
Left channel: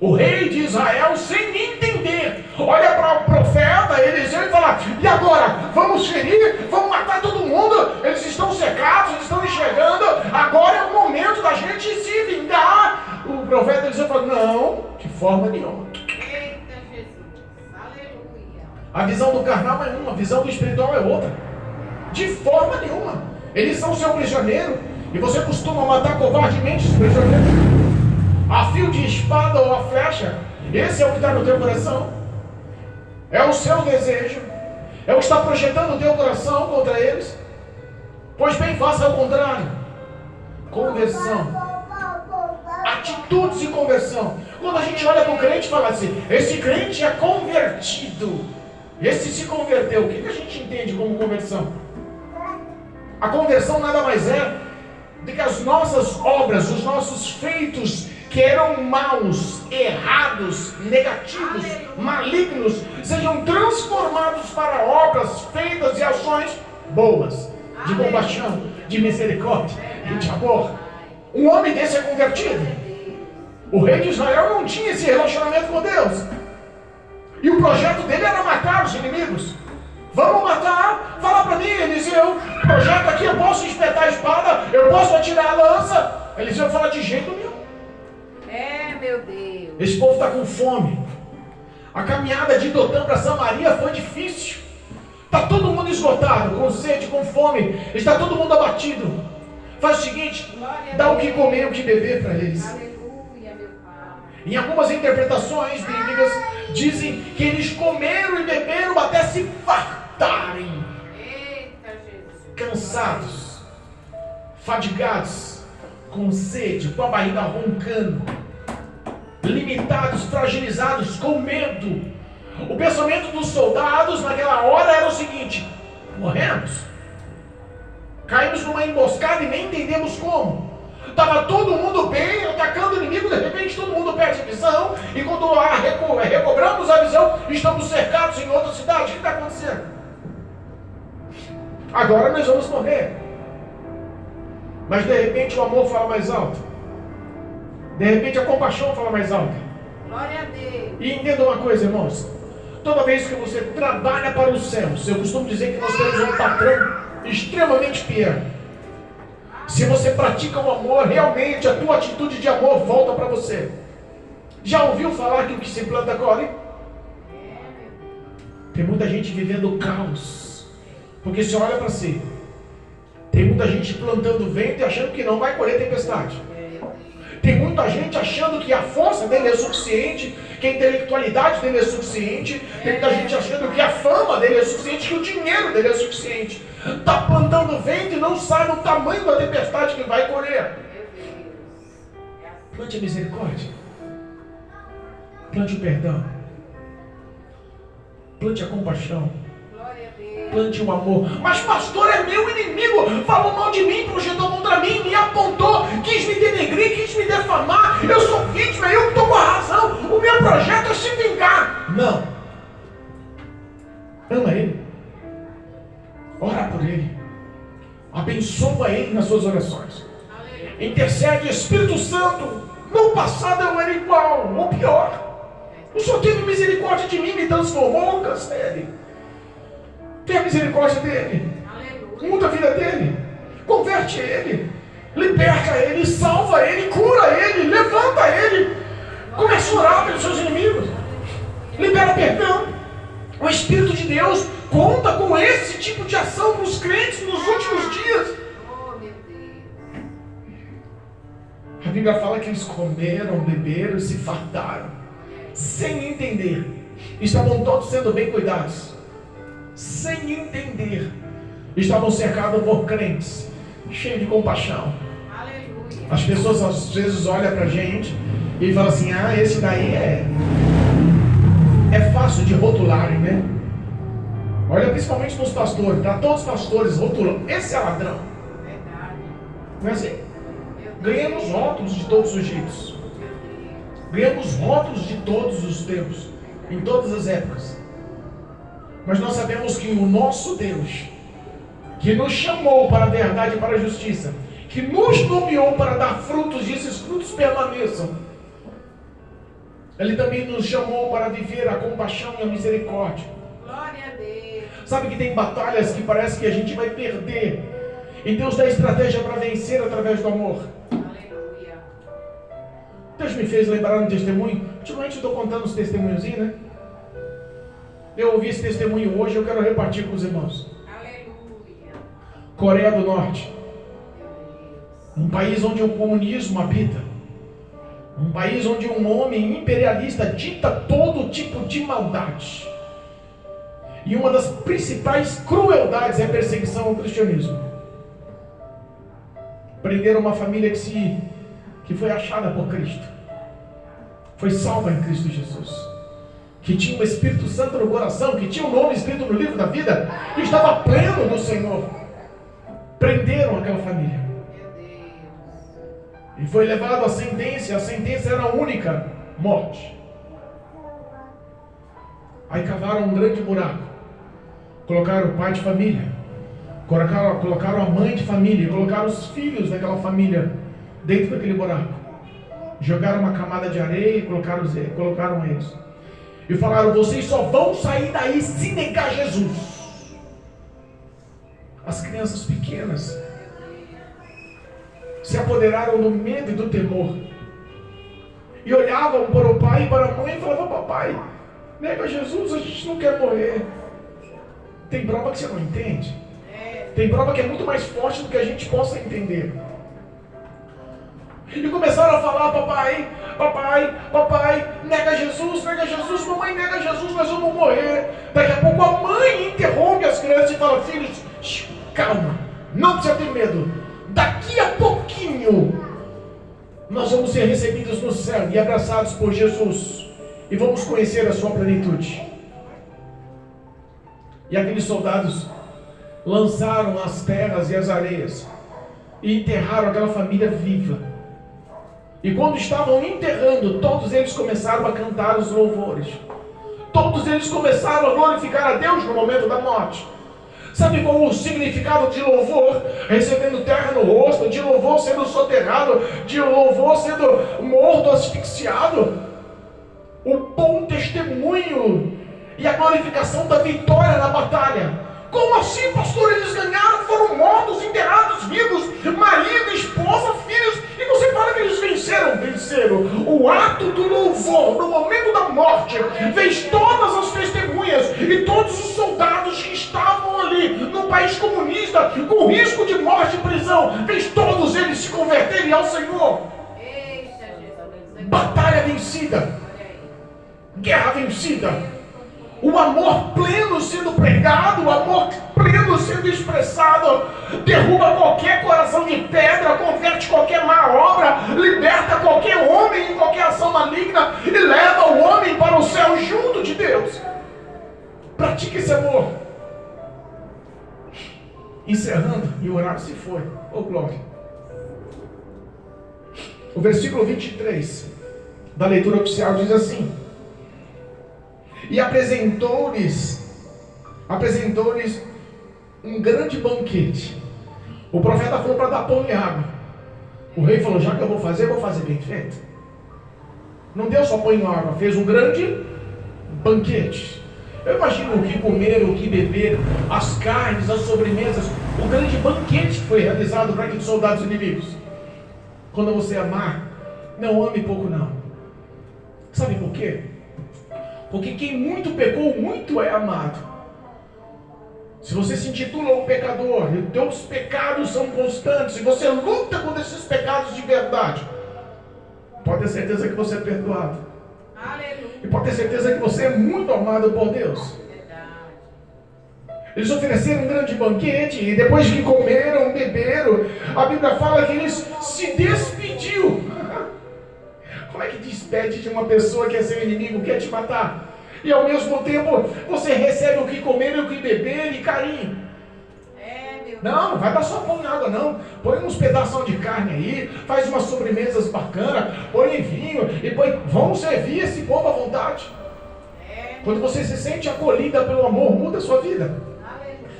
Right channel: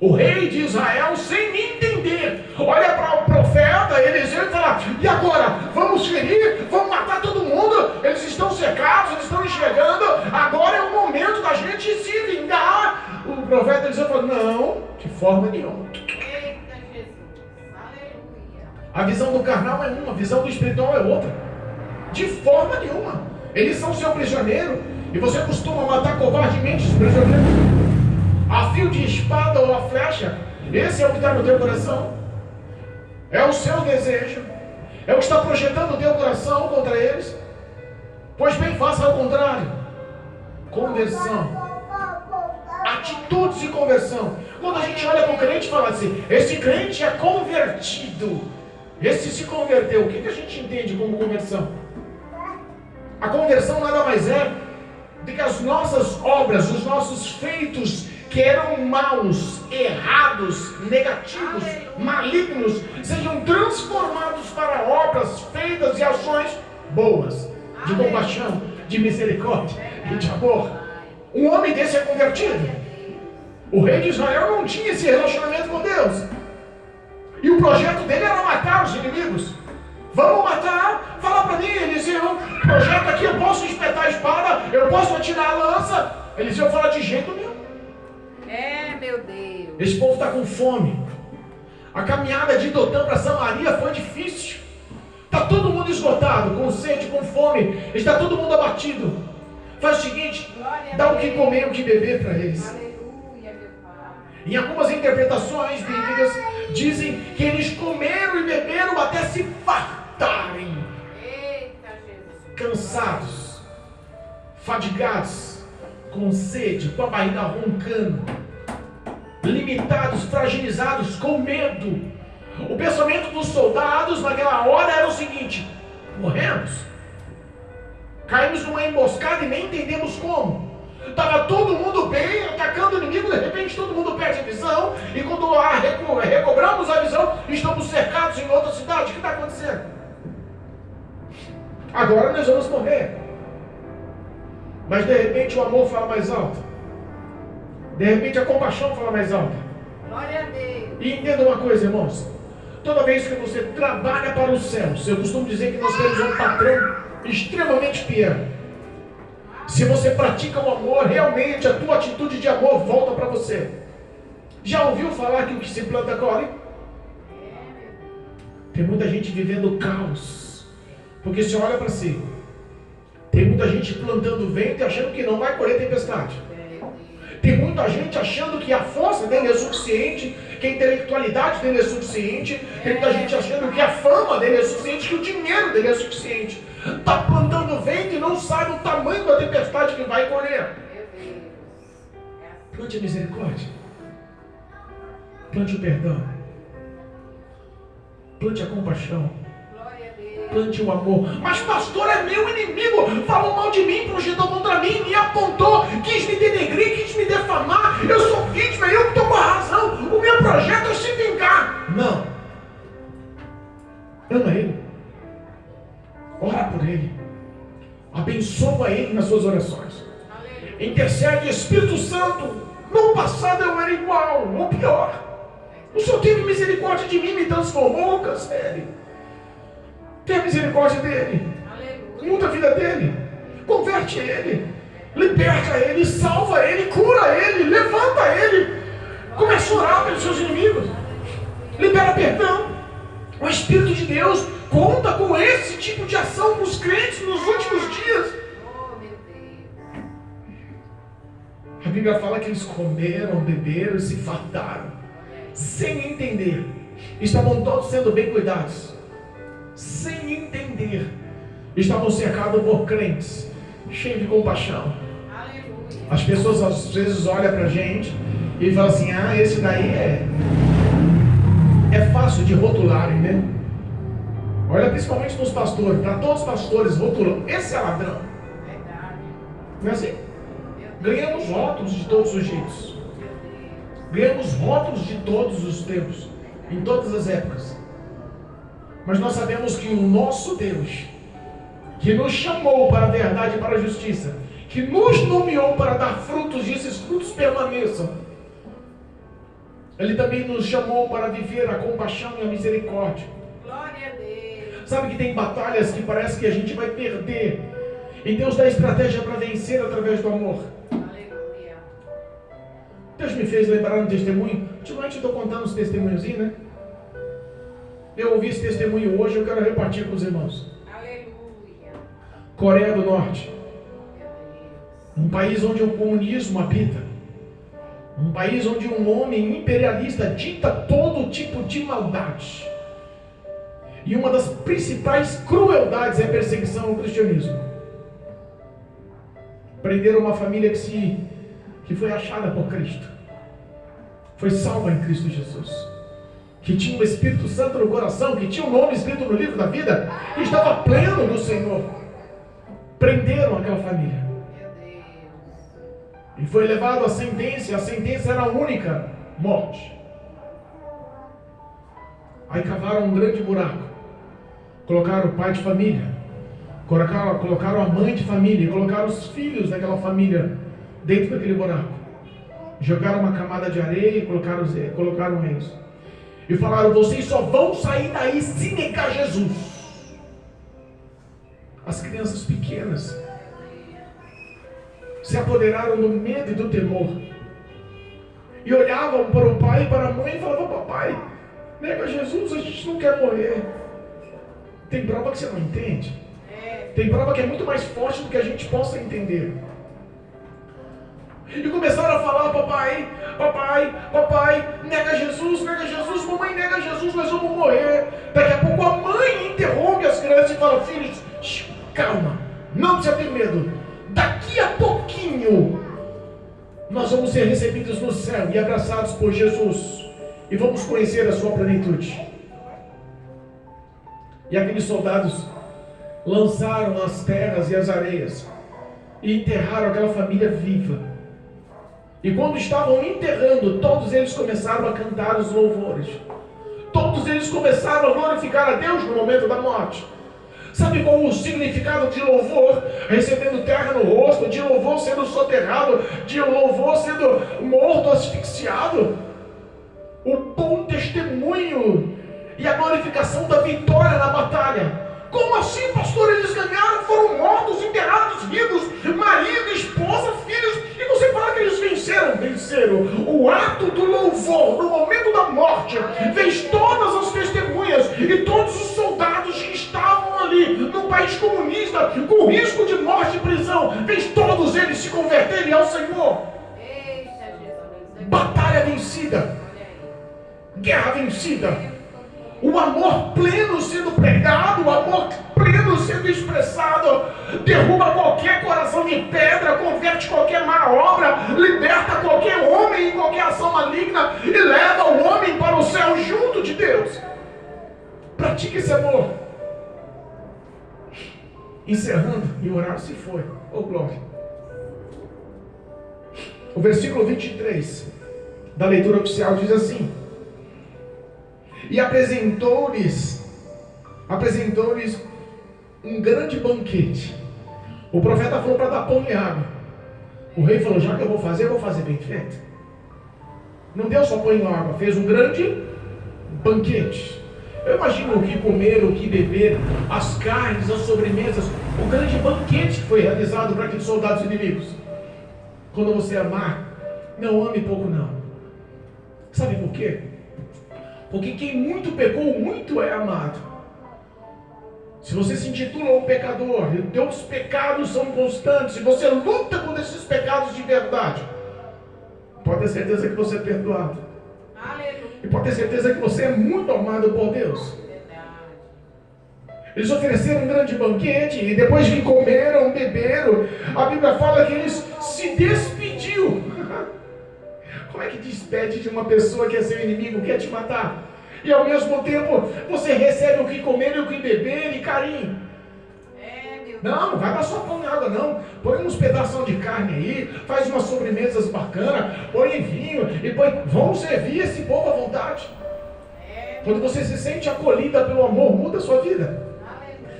O rei de Israel, sem entender, olha para o profeta Eliseu e fala: e agora? Vamos ferir? Vamos matar todo mundo? Eles estão cercados, eles estão enxergando. Agora é o momento da gente se vingar. O profeta Eliseu fala: não, de forma nenhuma. Eita Jesus, aleluia. A visão do carnal é uma, a visão do espiritual é outra. De forma nenhuma. Eles são seu prisioneiro. E você costuma matar covardemente os prisioneiros a fio de espada ou a flecha. Esse é o que está no teu coração. É o seu desejo. É o que está projetando o teu coração contra eles. Pois bem, faça ao contrário. Conversão. Atitudes e conversão. Quando a gente olha para o crente e fala assim: esse crente é convertido, esse se converteu. O que a gente entende como conversão? A conversão nada mais é de que as nossas obras, os nossos feitos que eram maus, errados, negativos, malignos, sejam transformados para obras feitas e ações boas, de compaixão, de misericórdia e de amor. Um homem desse é convertido. O rei de Israel não tinha esse relacionamento com Deus. E o projeto dele era matar os inimigos. Vamos matar? Fala para mim, Eliseu. Projeto aqui, eu posso espetar a espada, eu posso atirar a lança. Eliseu fala: de jeito nenhum. É, meu Deus. Esse povo está com fome. A caminhada de Dotã para Samaria foi difícil. Está todo mundo esgotado, com sede, com fome. Está todo mundo abatido. Faz o seguinte, dá o que comer, o que beber para eles. Aleluia, meu Pai. Em algumas interpretações bíblicas, dizem que eles comeram e beberam até se fartarem. Eita, Jesus. Cansados, fadigados, com sede, com a barriga roncando, limitados, fragilizados, com medo. O pensamento dos soldados naquela hora era o seguinte: morremos, caímos numa emboscada e nem entendemos como. Estava todo mundo bem, atacando o inimigo, de repente todo mundo perde a visão, e quando recobramos a visão, estamos cercados em outra cidade. O que está acontecendo? Agora nós vamos morrer. Mas de repente o amor fala mais alto. De repente a compaixão fala mais alto. Glória a Deus. E entenda uma coisa, irmãos. Toda vez que você trabalha para os céus, eu costumo dizer que nós temos um patrão extremamente fiel. Se você pratica o amor, realmente a tua atitude de amor volta para você. Já ouviu falar que o que se planta colhe? Tem muita gente vivendo caos, porque se olha para si. Tem muita gente plantando vento e achando que não vai colher tempestade. Tem muita gente achando que a força dele é suficiente, que a intelectualidade dele é suficiente. Tem muita gente achando que a fama dele é suficiente, que o dinheiro dele é suficiente. Está plantando vento e não sabe o tamanho da tempestade que vai colher. Plante a misericórdia. Plante o perdão. Plante a compaixão. Plante o amor. Mas pastor, é meu inimigo, falou mal de mim, projetou contra mim, me apontou, quis me denegrir, quis me defamar. Eu sou vítima, eu estou com a razão. O meu projeto é se vingar. Não. Ama ele. Ora por ele. Abençoa ele nas suas orações. Intercede. Espírito Santo, no passado eu era igual, ou pior. O Senhor teve misericórdia de mim, me transformou, cancele. Tenha misericórdia dele. Aleluia. Muda a vida dele. Converte ele. Liberta ele. Salva ele. Cura ele. Levanta ele. Comece a orar pelos seus inimigos. Libera perdão. O Espírito de Deus conta com esse tipo de ação para os crentes nos últimos dias. A Bíblia fala que eles comeram, beberam e se fartaram, sem entender. Estavam todos sendo bem cuidados, sem entender. Estavam cercados por crentes, cheios de compaixão. Aleluia. As pessoas às vezes olham para a gente e falam assim: ah, esse daí é fácil de rotularem, né? Olha principalmente para os pastores, para todos os pastores rotulam: esse é ladrão. Não é assim? Ganhamos rótulos de todos os jeitos. Ganhamos rótulos de todos os tempos, em todas as épocas. Mas nós sabemos que o nosso Deus, que nos chamou para a verdade e para a justiça, que nos nomeou para dar frutos e esses frutos permaneçam, Ele também nos chamou para viver a compaixão e a misericórdia. Glória a Deus. Sabe que tem batalhas que parece que a gente vai perder, e Deus dá estratégia para vencer através do amor. Aleluia. Deus me fez lembrar um testemunho. Ultimamente eu estou contando os testemunhozinhos, né? Eu ouvi esse testemunho hoje, eu quero repartir com os irmãos. Aleluia. Coreia do Norte. Um país onde o comunismo habita. Um país onde um homem imperialista dita todo tipo de maldade. E uma das principais crueldades é a perseguição ao cristianismo. Prenderam uma família que foi achada por Cristo. Foi salva em Cristo Jesus. Que tinha o Espírito Santo no coração, que tinha o nome escrito no livro da vida, que estava pleno no Senhor. Prenderam aquela família. E foi levado à sentença. A sentença era única: morte. Aí cavaram um grande buraco. Colocaram o pai de família, colocaram a mãe de família, colocaram os filhos daquela família dentro daquele buraco. Jogaram uma camada de areia e colocaram eles. E falaram: vocês só vão sair daí se negar Jesus. As crianças pequenas se apoderaram do medo e do temor. E olhavam para o pai e para a mãe e falavam: papai, Nega Jesus, a gente não quer morrer. Tem prova que você não entende. Tem prova que é muito mais forte do que a gente possa entender. E começaram a falar: papai, nega Jesus, mamãe nega Jesus, nós vamos morrer. Daqui a pouco a mãe interrompe as crianças e fala: filhos, calma, não precisa ter medo. Daqui a pouquinho nós vamos ser recebidos no céu e abraçados por Jesus, e vamos conhecer a sua plenitude. E aqueles soldados lançaram as terras e as areias e enterraram aquela família viva. E quando estavam enterrando, todos eles começaram a cantar os louvores. Todos eles começaram a glorificar a Deus no momento da morte. Sabe qual o significado de louvor? Recebendo terra no rosto, de louvor sendo soterrado, de louvor sendo morto, asfixiado. O bom testemunho e a glorificação da vitória na batalha. Como assim, pastor? Eles ganharam, foram mortos, enterrados, vivos, marido, esposa, filhos, e você fala que eles venceram? Venceram. O ato do louvor, no momento da morte, fez todas as testemunhas e todos os soldados que estavam ali, no país comunista, com risco de morte e prisão, fez todos eles se converterem ao Senhor. Batalha vencida, guerra vencida. O amor pleno sendo pregado, o amor pleno sendo expressado, derruba qualquer coração de pedra, converte qualquer má obra, liberta qualquer homem em qualquer ação maligna e leva o homem para o céu junto de Deus. Pratique esse amor. Encerrando, e o horário se foi. Oh, glória. O versículo 23 da leitura oficial diz assim: e apresentou-lhes um grande banquete. O profeta falou para dar pão e água. O rei falou: já que eu vou fazer bem feito. Não deu só pão e água, fez um grande banquete. Eu imagino o que comer, o que beber, as carnes, as sobremesas, o grande banquete que foi realizado para aqueles soldados inimigos. Quando você amar, não ame pouco não. Sabe por quê? Porque quem muito pecou, muito é amado. Se você se intitula um pecador, e teus pecados são constantes, se você luta contra esses pecados de verdade, pode ter certeza que você é perdoado. Aleluia. E pode ter certeza que você é muito amado por Deus. Eles ofereceram um grande banquete, e depois que comeram, beberam, a Bíblia fala que eles se despediu. Como é que despede de uma pessoa que é seu inimigo, quer te matar? E ao mesmo tempo você recebe o que comer e o que beber e carinho. Não vai dar só pão e água não. Põe uns pedaços de carne aí, faz umas sobremesas bacanas, põe vinho e põe. Vão servir esse povo à vontade. Quando você se sente acolhida pelo amor, muda a sua vida.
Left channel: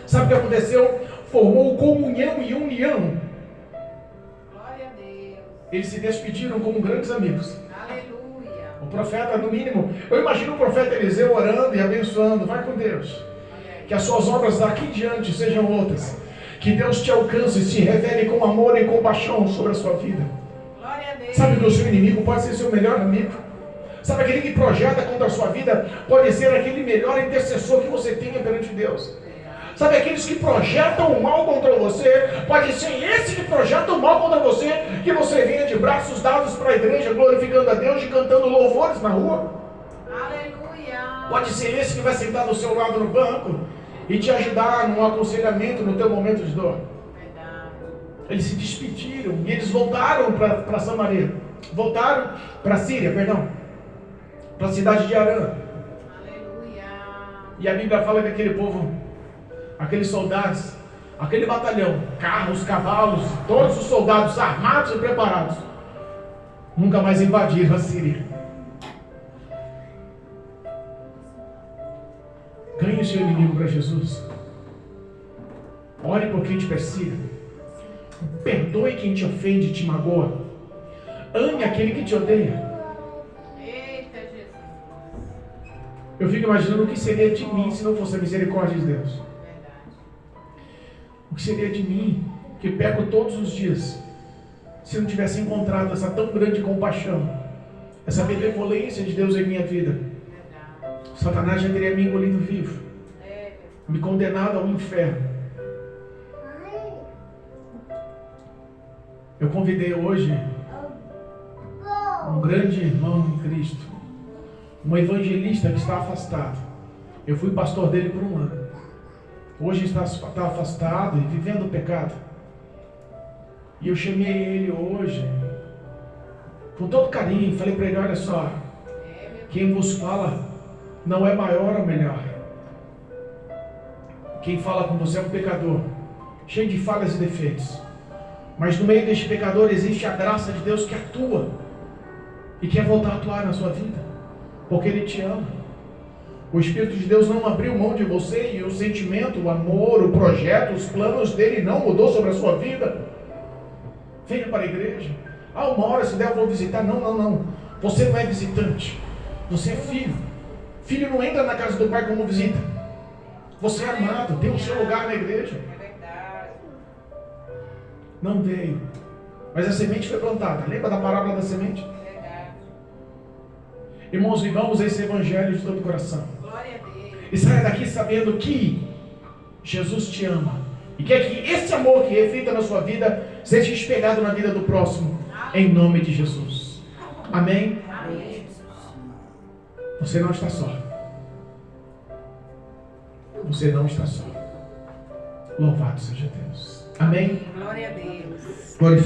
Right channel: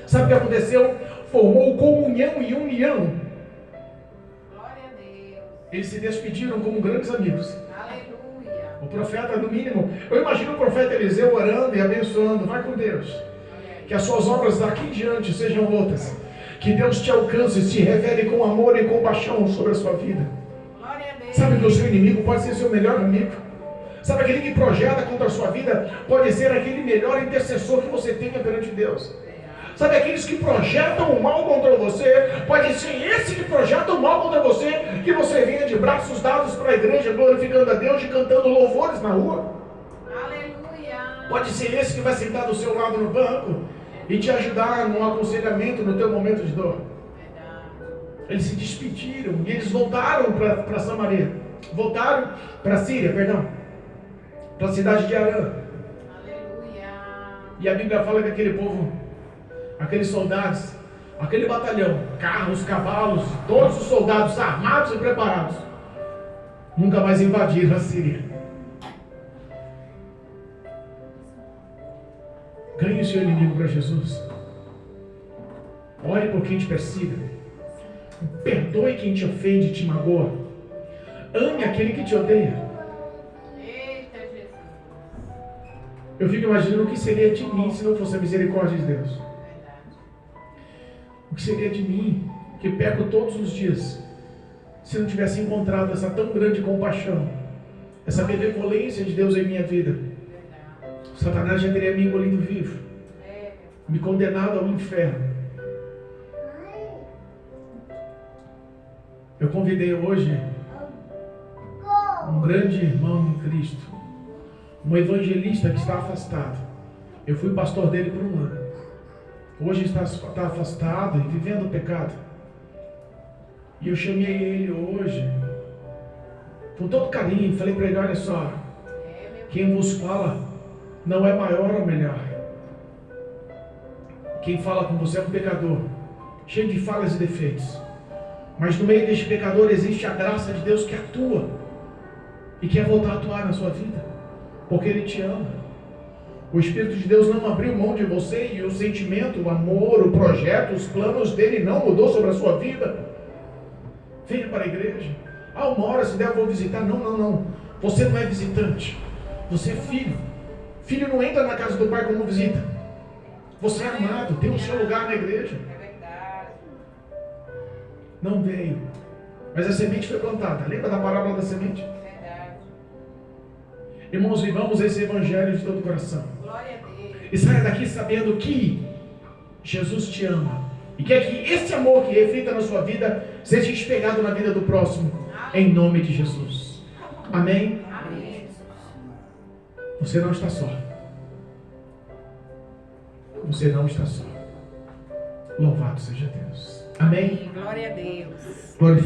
Sabe o que aconteceu? Formou comunhão e união. Glória a Deus. Eles se despediram como grandes amigos. O profeta, no mínimo, eu imagino o profeta Eliseu orando e abençoando. Vai com Deus. Que as suas obras daqui em diante sejam outras. Que Deus te alcance e se revele com amor e compaixão sobre a sua vida. Sabe que o seu inimigo pode ser seu melhor amigo. Sabe aquele que projeta contra a sua vida pode ser aquele melhor intercessor que você tenha perante Deus. Sabe aqueles que projetam o mal contra você, pode ser esse que projeta o mal contra você, que você venha de braços dados para a igreja, glorificando a Deus e cantando louvores na rua. Aleluia. Pode ser esse que vai sentar do seu lado no banco e te ajudar no aconselhamento no teu momento de dor. Eles se despediram e eles voltaram para Samaria, voltaram para Síria, para a cidade de Arã. Aleluia. E a Bíblia fala que aquele povo, aqueles soldados, aquele batalhão, carros, cavalos, todos os soldados armados e preparados, nunca mais invadiram a Síria. Ganhe o seu inimigo para Jesus. Ore por quem te persiga. Perdoe quem te ofende e te magoa. Ame aquele que te odeia. Eita, Jesus. Eu fico imaginando o que seria de mim se não fosse a misericórdia de Deus. O que seria de mim, que peco todos os dias, se não tivesse encontrado essa tão grande compaixão, essa benevolência de Deus em minha vida? Satanás já teria me engolido vivo, me condenado ao inferno. Eu convidei hoje um grande irmão em Cristo, um evangelista que está afastado. Eu fui pastor dele por 1 ano. Hoje está afastado e vivendo o pecado. E eu chamei ele hoje com todo carinho, falei para ele: olha só, quem vos fala não é maior ou melhor. Quem fala com você é um pecador, cheio de falhas e defeitos. Mas no meio deste pecador existe a graça de Deus que atua e quer voltar a atuar na sua vida, porque Ele te ama. O Espírito de Deus não abriu mão de você, e o sentimento, o amor, o projeto, os planos dele não mudou sobre a sua vida. Venha para a igreja. Uma hora se der eu vou visitar. Não. Você não é visitante, você é filho. Filho não entra na casa do pai como visita. Você é amado, tem o seu lugar na igreja. Não veio, mas a semente foi plantada. Lembra da parábola da semente? Irmãos, vivamos esse evangelho de todo o coração. E saia daqui sabendo que Jesus te ama e quer que esse amor que reflita na sua vida seja espelhado na vida do próximo, em nome de Jesus. Amém? Amém. Você não está só. Você não está só. Louvado seja Deus. Amém? Glória a Deus. Glorifique